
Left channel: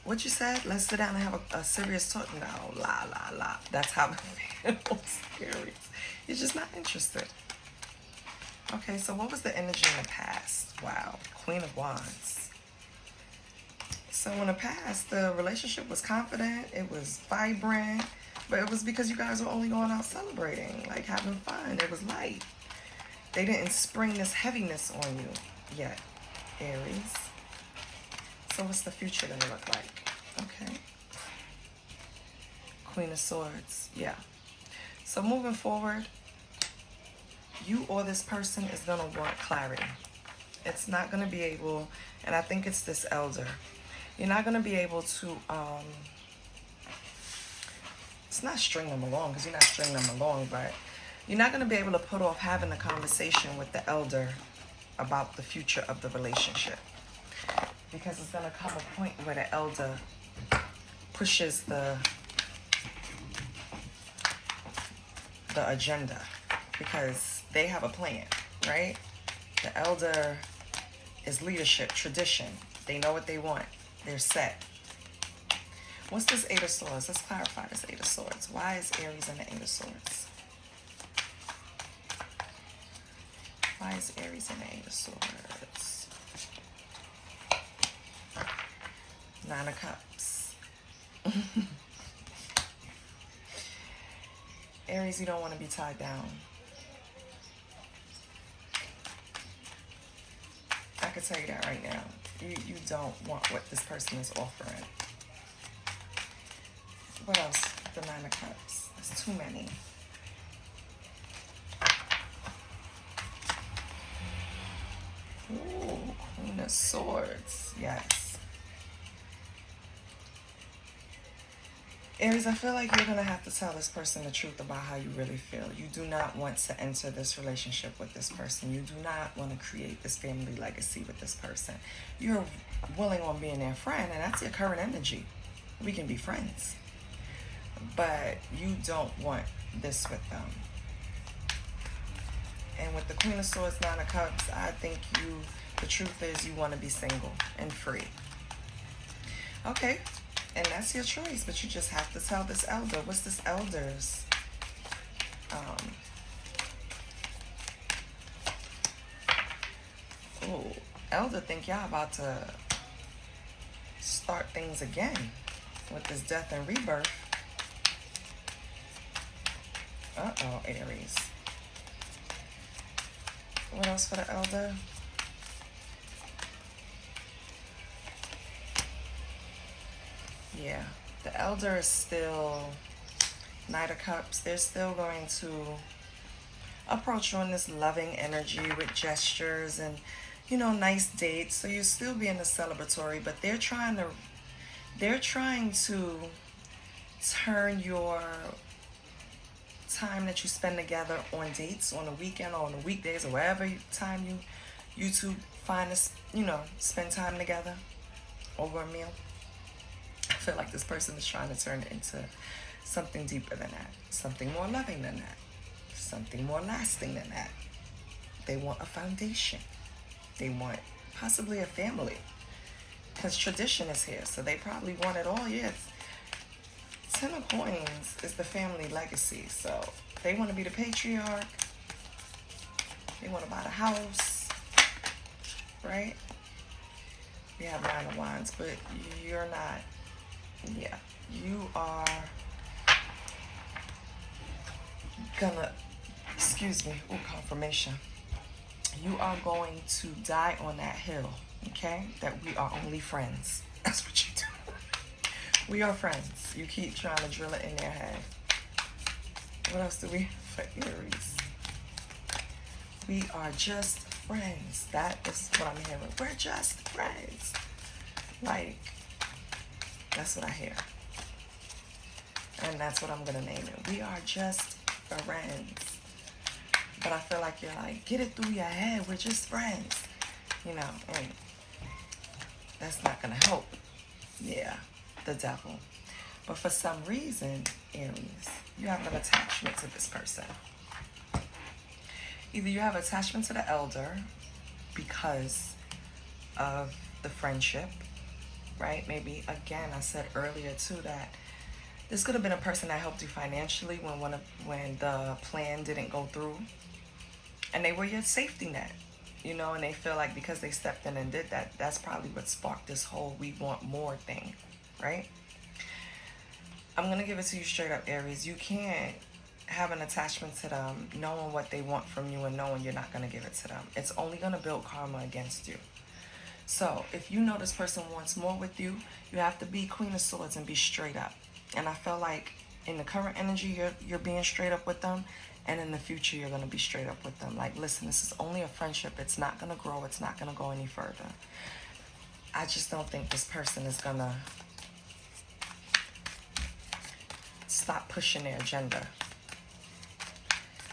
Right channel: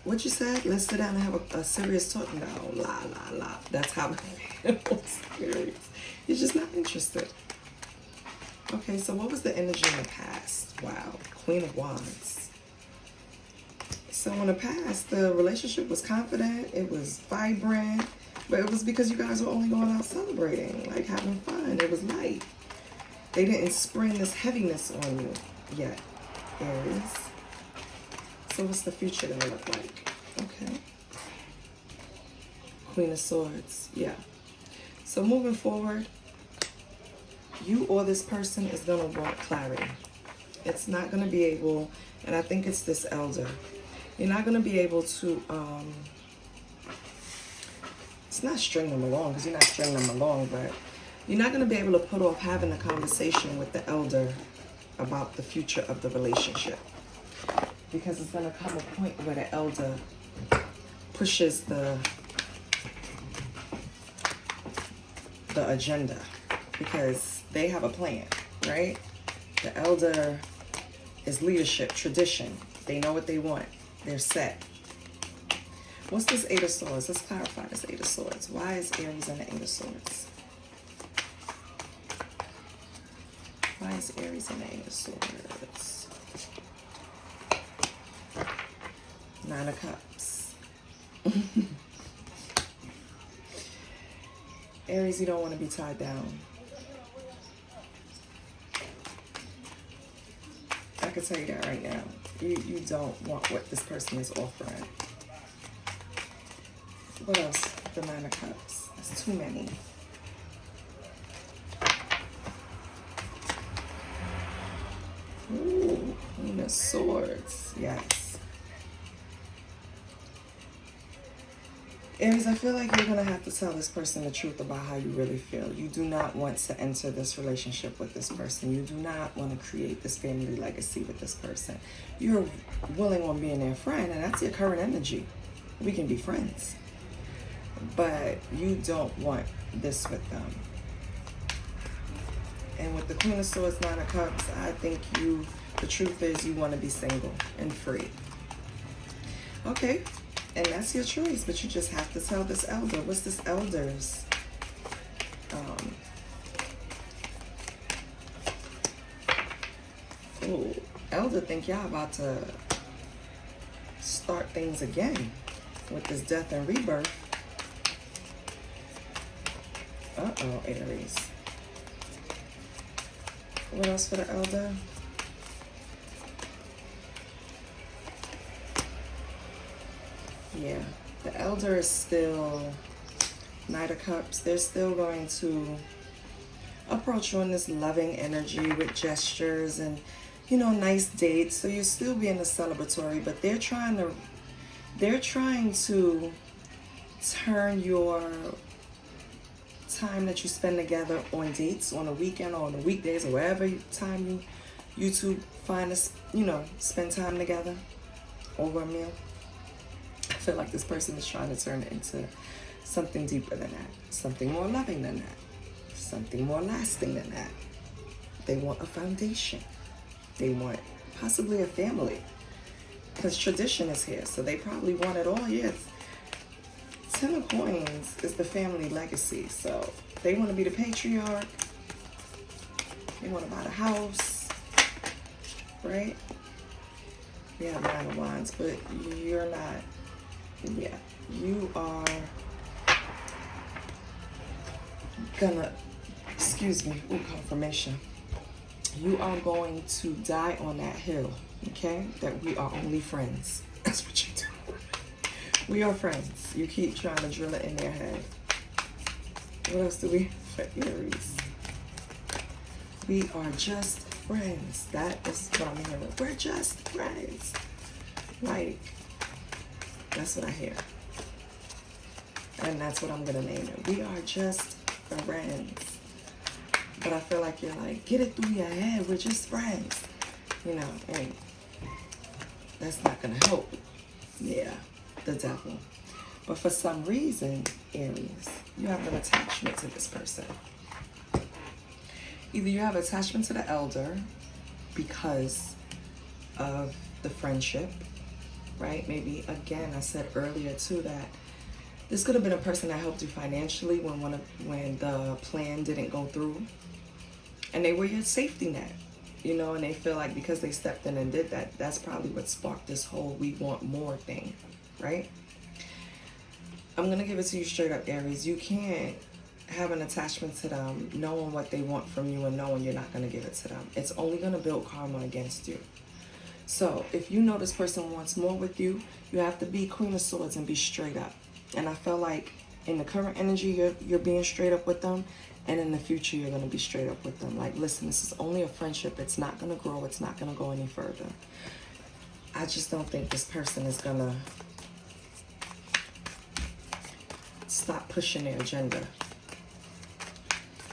What you said? Let's sit down and have a serious talk. No, la, la, la. That's how it feels. You're just not interested. Okay, so what was the energy in the past? Wow, Queen of Wands. So in the past, the relationship was confident, it was vibrant, but it was because you guys were only going out celebrating, like having fun. It was light. They didn't spring this heaviness on you yet, Aries. So what's the future gonna look like? Okay. Queen of Swords, yeah. So moving forward, you or this person is going to want clarity. It's not going to be able, and I think it's this elder, you're not going to be able to, it's not string them along, because you're not stringing them along, but you're not going to be able to put off having a conversation with the elder about the future of the relationship. Because it's going to come a point where the elder pushes the agenda, because they have a plan, right? The elder is leadership, tradition. They know what they want. They're set. What's this Eight of Swords? Let's clarify this Eight of Swords. Why is Aries in the Eight of Swords? Why is Aries in the Eight of Swords? Nine of Cups. Aries, you don't want to be tied down. I can tell you that right now. You don't want what this person is offering. What else? The Nine of Cups. That's too many. Ooh, Queen of Swords. Yes. Aries, I feel like you're going to have to tell this person the truth about how you really feel. You do not want to enter this relationship with this person. You do not want to create this family legacy with this person. You're willing on being their friend, and that's your current energy. We can be friends. But you don't want this with them. And with the Queen of Swords, Nine of Cups, I think the truth is you want to be single and free. Okay, and that's your choice, but you just have to tell this elder. What's this elder's? Oh, elder think y'all about to start things again with this death and rebirth. Uh-oh, Aries. What else for the elder? Yeah, the elder is still Knight of Cups. They're still going to approach you in this loving energy with gestures and, you know, nice dates. So you'll still be in the celebratory, but they're trying to turn your time that you spend together on dates, on a weekend or on the weekdays or wherever time you two find to, you know, spend time together over a meal. I feel like this person is trying to turn it into something deeper than that, something more loving than that, something more lasting than that. They want a foundation. They want possibly a family, because tradition is here. So they probably want it all. Yes. 10 of Coins is the family legacy. So they want to be the patriarch. They want to buy the house, right? We have 9 of Wands, but you're not. Yeah, you are gonna, excuse me, confirmation. You are going to die on that hill, okay? That we are only friends. That's what you do. We are friends. You keep trying to drill it in their head. What else do we have for Aries? We are just friends. That is what I'm hearing. We're just friends. Like, that's what I hear. And that's what I'm going to name it. We are just friends. But I feel like you're like, get it through your head. We're just friends. You know, and that's not going to help. Yeah, the devil. But for some reason, Aries, you have an attachment to this person. Either you have attachment to the elder because of the friendship, right? Maybe, again, I said earlier too that this could have been a person that helped you financially when the plan didn't go through. And they were your safety net, you know, and they feel like because they stepped in and did that, that's probably what sparked this whole we want more thing, right? I'm going to give it to you straight up, Aries. You can't have an attachment to them knowing what they want from you and knowing you're not going to give it to them. It's only going to build karma against you. So if you know this person wants more with you, you have to be Queen of Swords and be straight up. And I feel like in the current energy, you're being straight up with them. And in the future, you're going to be straight up with them. Like, listen, this is only a friendship. It's not going to grow. It's not going to go any further. I just don't think this person is going to stop pushing their agenda.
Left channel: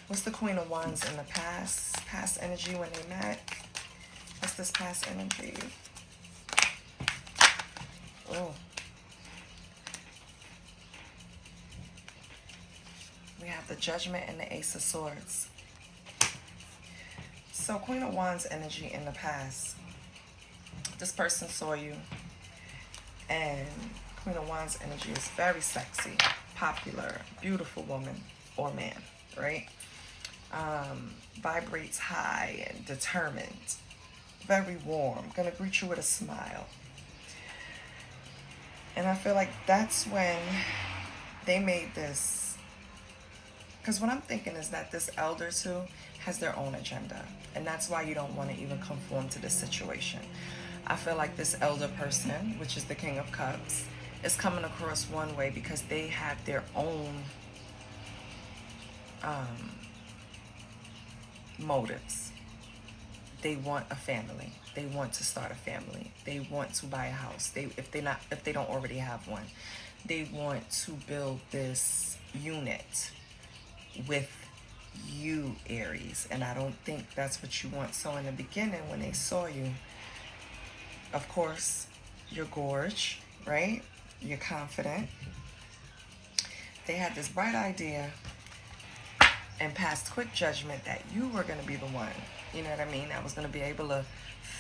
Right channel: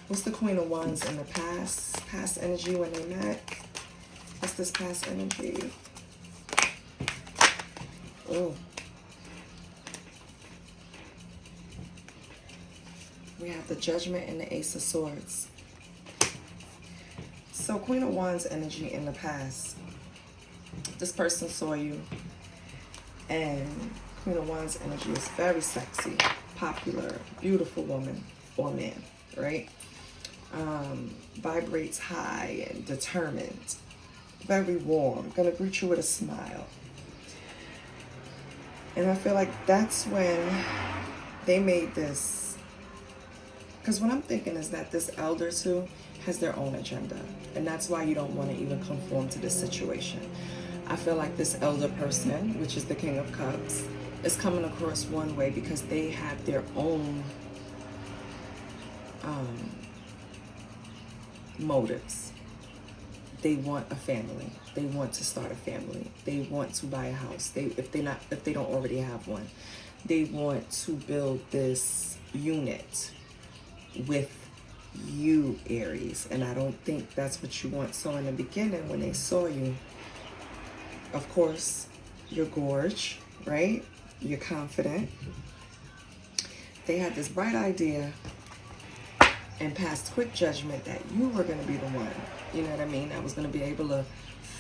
What's the Queen of Wands in the past? Past energy when they met? What's this past energy? Oh. We have the Judgment and the Ace of Swords. So Queen of Wands energy in the past. This person saw you. And Queen of Wands energy is very sexy, popular, beautiful woman or man, right? Vibrates high and determined. Very warm. Gonna greet you with a smile. And I feel like that's when they made this. Because what I'm thinking is that this elder too has their own agenda. And that's why you don't want to even conform to this situation. I feel like this elder person, which is the King of Cups, is coming across one way because they have their own motives. They want a family. They want to start a family. They want to buy a house. If they don't already have one, they want to build this unit with you, Aries. And I don't think that's what you want. So in the beginning, when they saw you, of course, you're gorgeous, right? You're confident. They had this bright idea and passed quick judgment that you were going to be the one, you know what I mean, that was going to be able to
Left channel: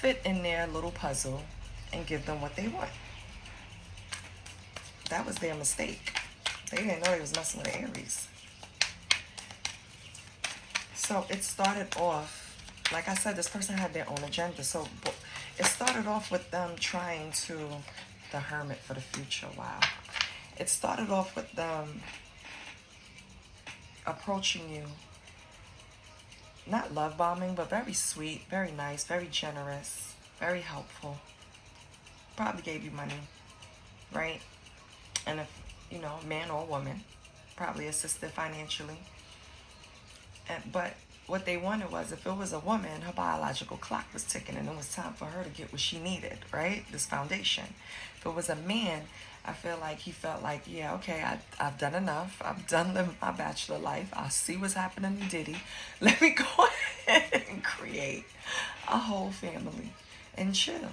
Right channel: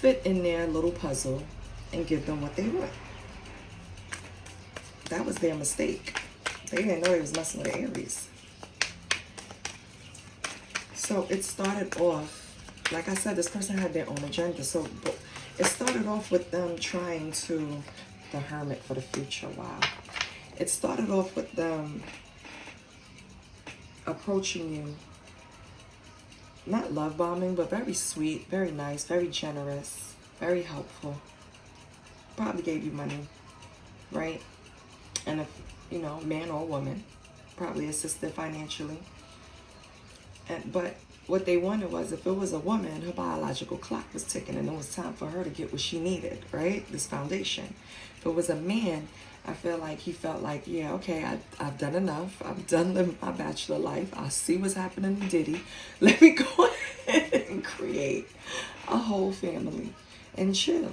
fit in their little puzzle and give them what they want. That was their mistake. They didn't know they was messing with Aries. So it started off, like I said, this person had their own agenda. So it started off with them trying to, the Hermit for the future, wow. It started off with them approaching you, not love bombing, but very sweet, very nice, very generous, very helpful. Probably gave you money, right? And if, you know, man or woman, probably assisted financially. But what they wanted was, if it was a woman, her biological clock was ticking and it was time for her to get what she needed, right? This foundation. If it was a man, I feel like he felt like, yeah, okay, I've done enough. I've done living my bachelor life. I see what's happening to Diddy. Let me go ahead and create a whole family and chill.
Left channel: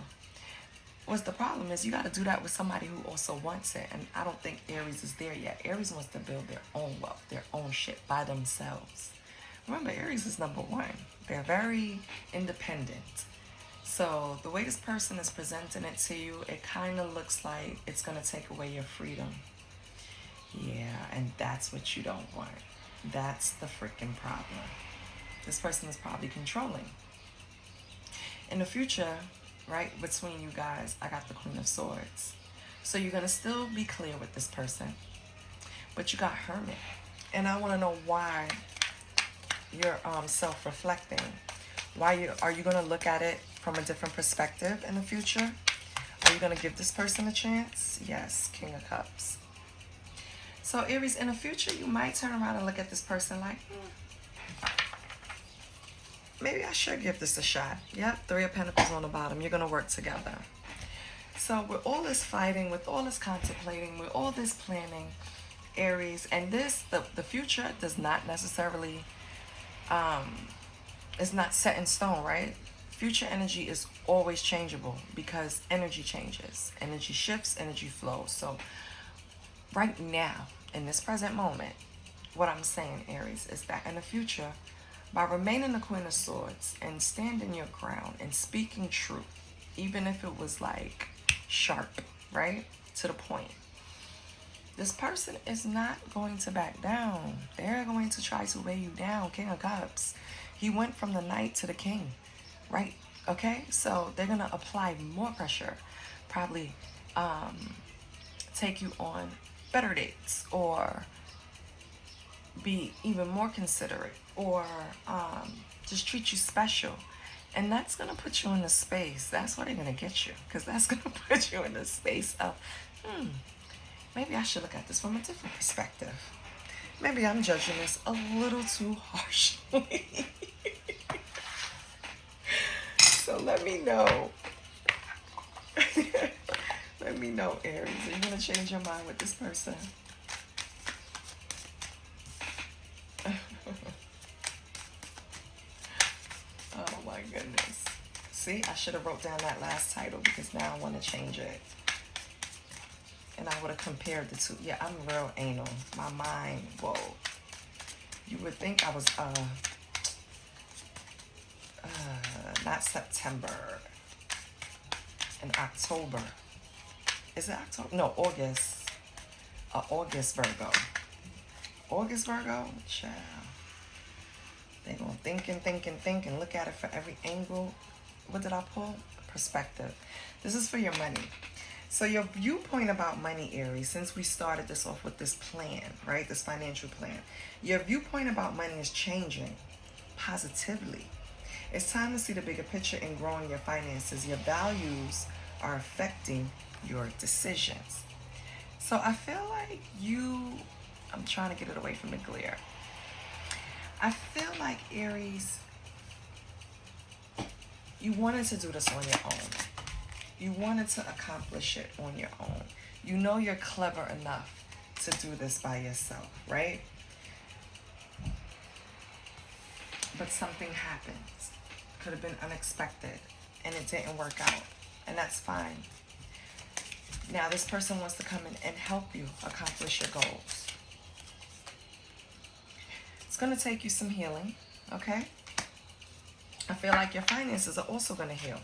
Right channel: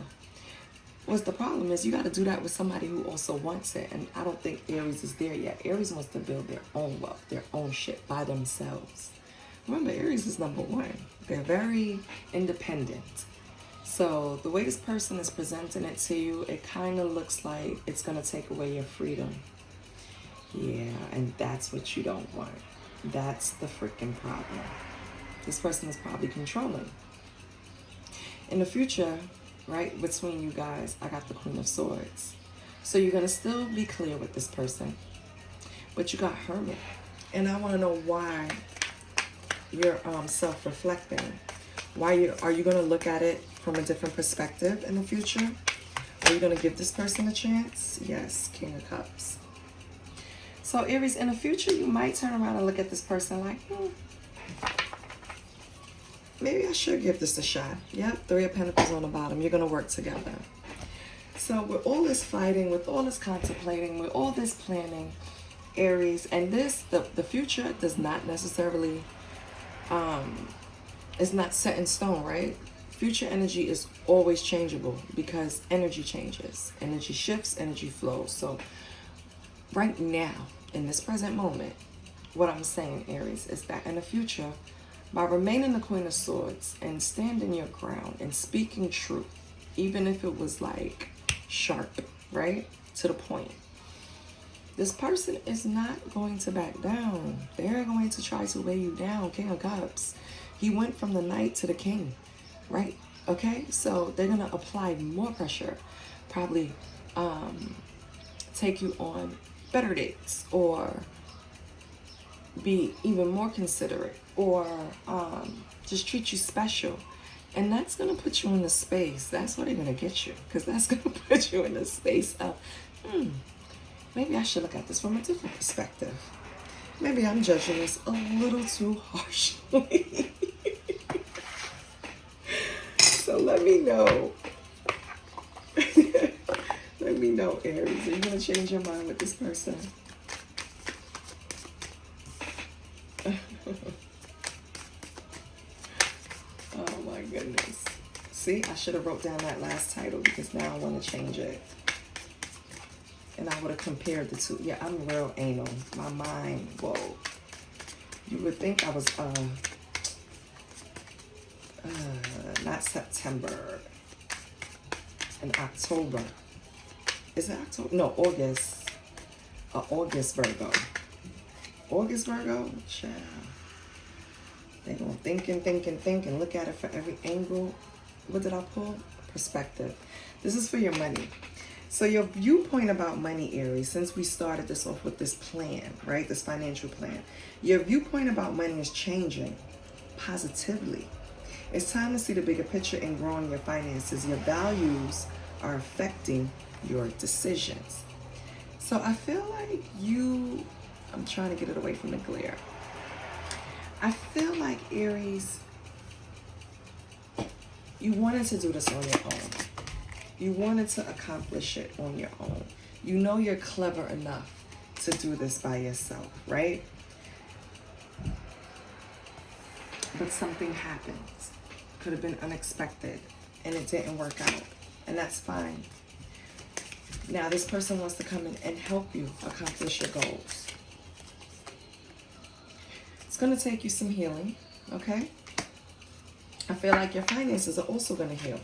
What's the problem is you got to do that with somebody who also wants it. And I don't think Aries is there yet. Aries wants to build their own wealth, their own shit by themselves. Remember, Aries is number one. They're very independent. So the way this person is presenting it to you, it kind of looks like it's going to take away your freedom. Yeah, and that's what you don't want. That's the freaking problem. This person is probably controlling. In the future, right, between you guys, I got the Queen of Swords. So you're going to still be clear with this person. But you got Hermit. And I want to know why you're self-reflecting. Why are you going to look at it from a different perspective in the future? Are you going to give this person a chance? Yes, King of Cups. So Aries, in the future, you might turn around and look at this person like, maybe I should give this a shot. Yep, Three of Pentacles on the bottom. You're going to work together. So with all this fighting, with all this contemplating, with all this planning, Aries, and this, the future does not necessarily, is not set in stone, right? Future energy is always changeable because energy changes, energy shifts, energy flows. So right now, in this present moment, what I'm saying, Aries, is that in the future, by remaining the Queen of Swords and standing your ground and speaking truth, even if it was like sharp, right? To the point. This person is not going to back down. They're going to try to weigh you down, King of Cups. He went from the Knight to the King, right? Okay, so they're going to apply more pressure, probably take you on better dates or be even more considerate or just treat you special. And that's going to put you in the space. That's where they're going to get you, because that's going to put you in the space of, maybe I should look at this from a different perspective. Maybe I'm judging this a little too harshly. So let me know. Let me know, Aries. Are you going to change your mind with this person? Oh my goodness. See, I should have wrote down that last title because now I want to change it. And I would have compared the two. Yeah, I'm real anal. My mind, whoa. You would think I was, not September. In October. Is it October? No, August. August Virgo. August Virgo? Child. They're going to think and look at it for every angle. What did I pull? Perspective. This is for your money. So your viewpoint about money, Aries, since we started this off with this plan, right? This financial plan. Your viewpoint about money is changing positively. It's time to see the bigger picture in growing your finances. Your values are affecting your decisions. So I feel like I'm trying to get it away from the glare. I feel like, Aries, you wanted to do this on your own. You wanted to accomplish it on your own. You know you're clever enough to do this by yourself, right? But something happened. Could have been unexpected, and it didn't work out, and that's fine. Now this person wants to come in and help you accomplish your goals. It's going to take you some healing, okay? I feel like your finances are also going to heal.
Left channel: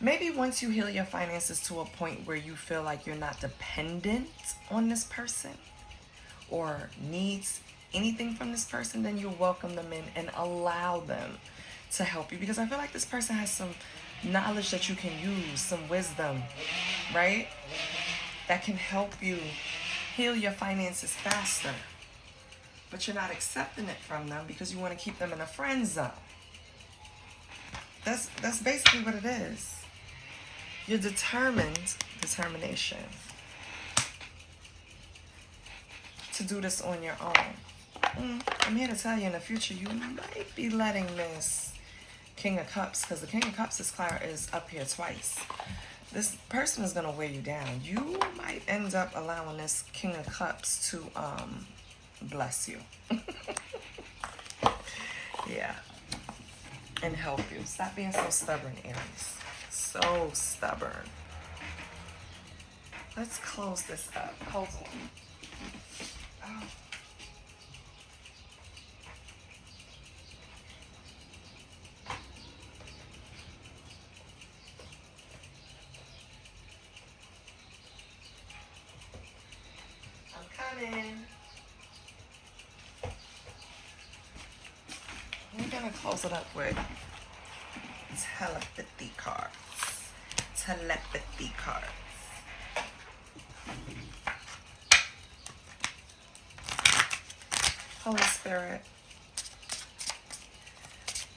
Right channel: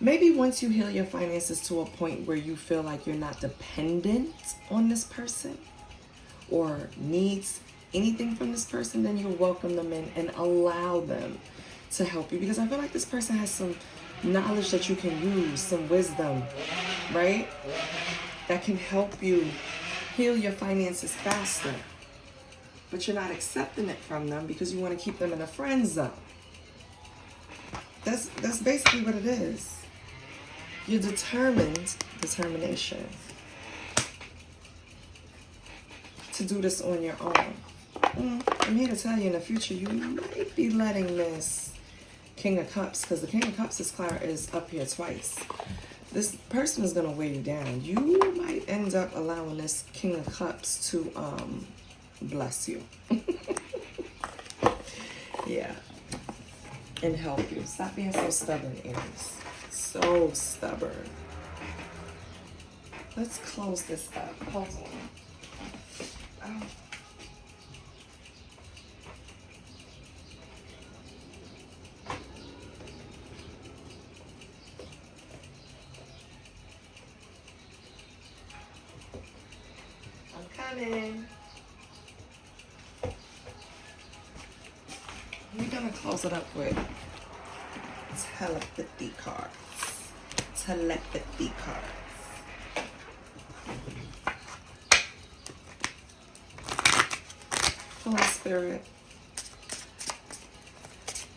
Maybe once you heal your finances to a point where you feel like you're not dependent on this person or needs anything from this person, then you'll welcome them in and allow them to help you. Because I feel like this person has some knowledge that you can use, some wisdom, right? That can help you heal your finances faster. But you're not accepting it from them because you want to keep them in a friend zone. That's basically what it is. You're determination, to do this on your own. I'm here to tell you in the future, you might be letting this King of Cups, because the King of Cups is up here twice. This person is going to weigh you down. You might end up allowing this King of Cups to bless you. Yeah. And help you. Stop being so stubborn, Aries. So stubborn. Let's close this up. Hold on. Oh. I'm coming. We're going to close it up with telepathy cards. Telepathy cards. Holy Spirit,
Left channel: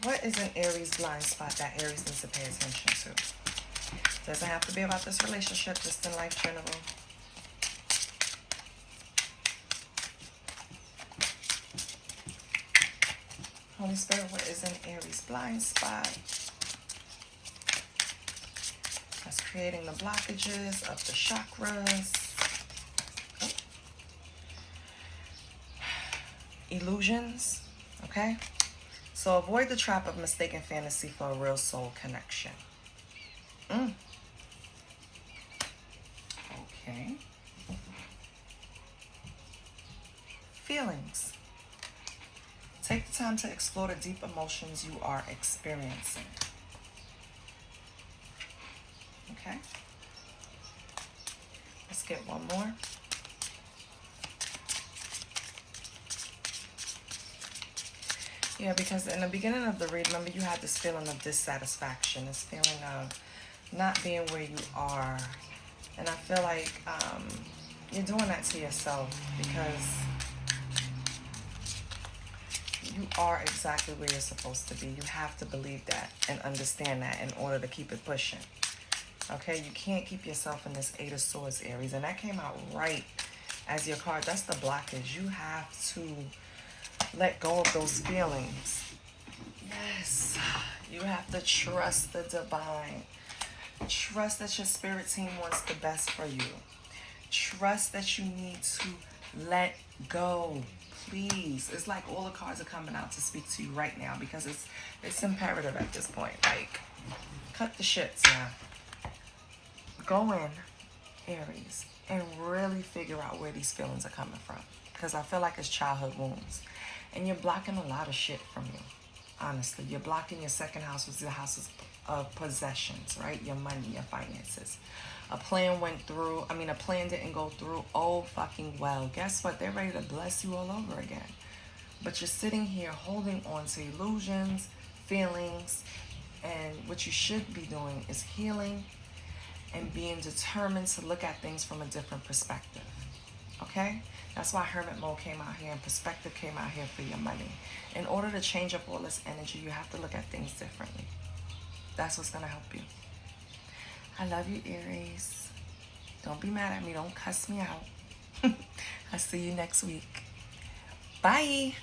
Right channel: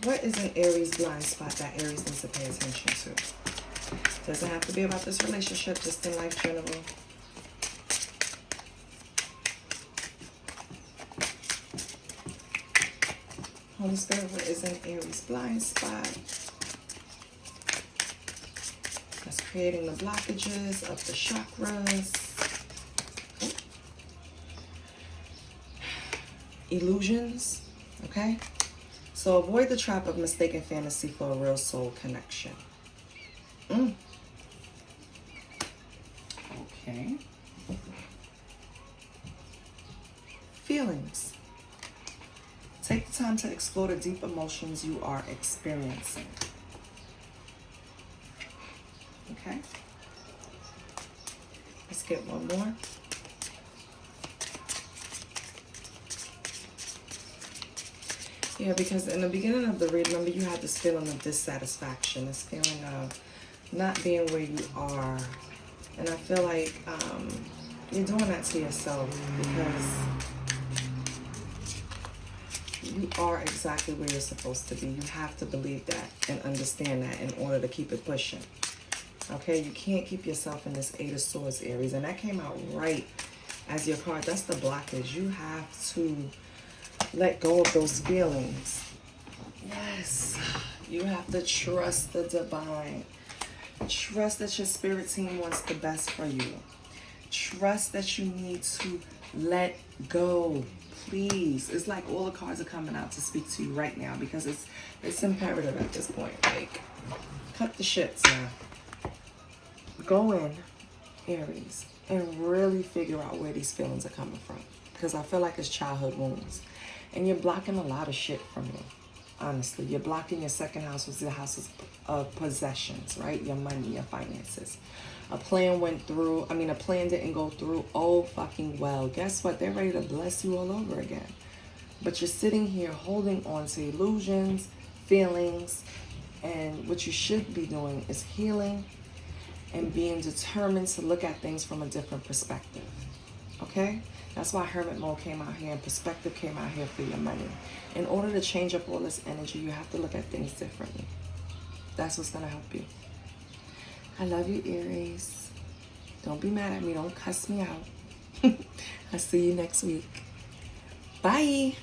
what is an Aries blind spot that Aries needs to pay attention to? Doesn't have to be about this relationship, just in life general. Holy Spirit, what is an Aries blind spot that's creating the blockages of the chakras? Illusions, okay? So avoid the trap of mistaken fantasy for a real soul connection. Okay. Feelings. Take the time to explore the deep emotions you are experiencing. Okay? Let's get one more. Yeah, because in the beginning of the read, remember you had this feeling of dissatisfaction, this feeling of not being where you are. And I feel like you're doing that to yourself because you are exactly where you're supposed to be. You have to believe that and understand that in order to keep it pushing. Okay, you can't keep yourself in this Eight of Swords, Aries. And that came out right as your card. That's the blockage. You have to let go of those feelings. Yes. You have to trust the divine. Trust that your spirit team wants the best for you. Trust that you need to let go. Please. It's like all the cards are coming out to speak to you right now because it's imperative at this point. Like, cut the shits now. Go in, Aries, and really figure out where these feelings are coming from. Because I feel like it's childhood wounds. And you're blocking a lot of shit from you. Honestly, you're blocking your second house, which is the house of possessions, right? Your money, your finances. A plan went through. I mean, a plan didn't go through. Oh, fucking well. Guess what? They're ready to bless you all over again. But you're sitting here holding on to illusions, feelings, and what you should be doing is healing and being determined to look at things from a different perspective. Okay? That's why Hermit Mode came out here and Perspective came out here for your money. In order to change up all this energy, you have to look at things differently. That's what's going to help you. I love you, Aries. Don't be mad at me. Don't cuss me out. I'll see you next week. Bye.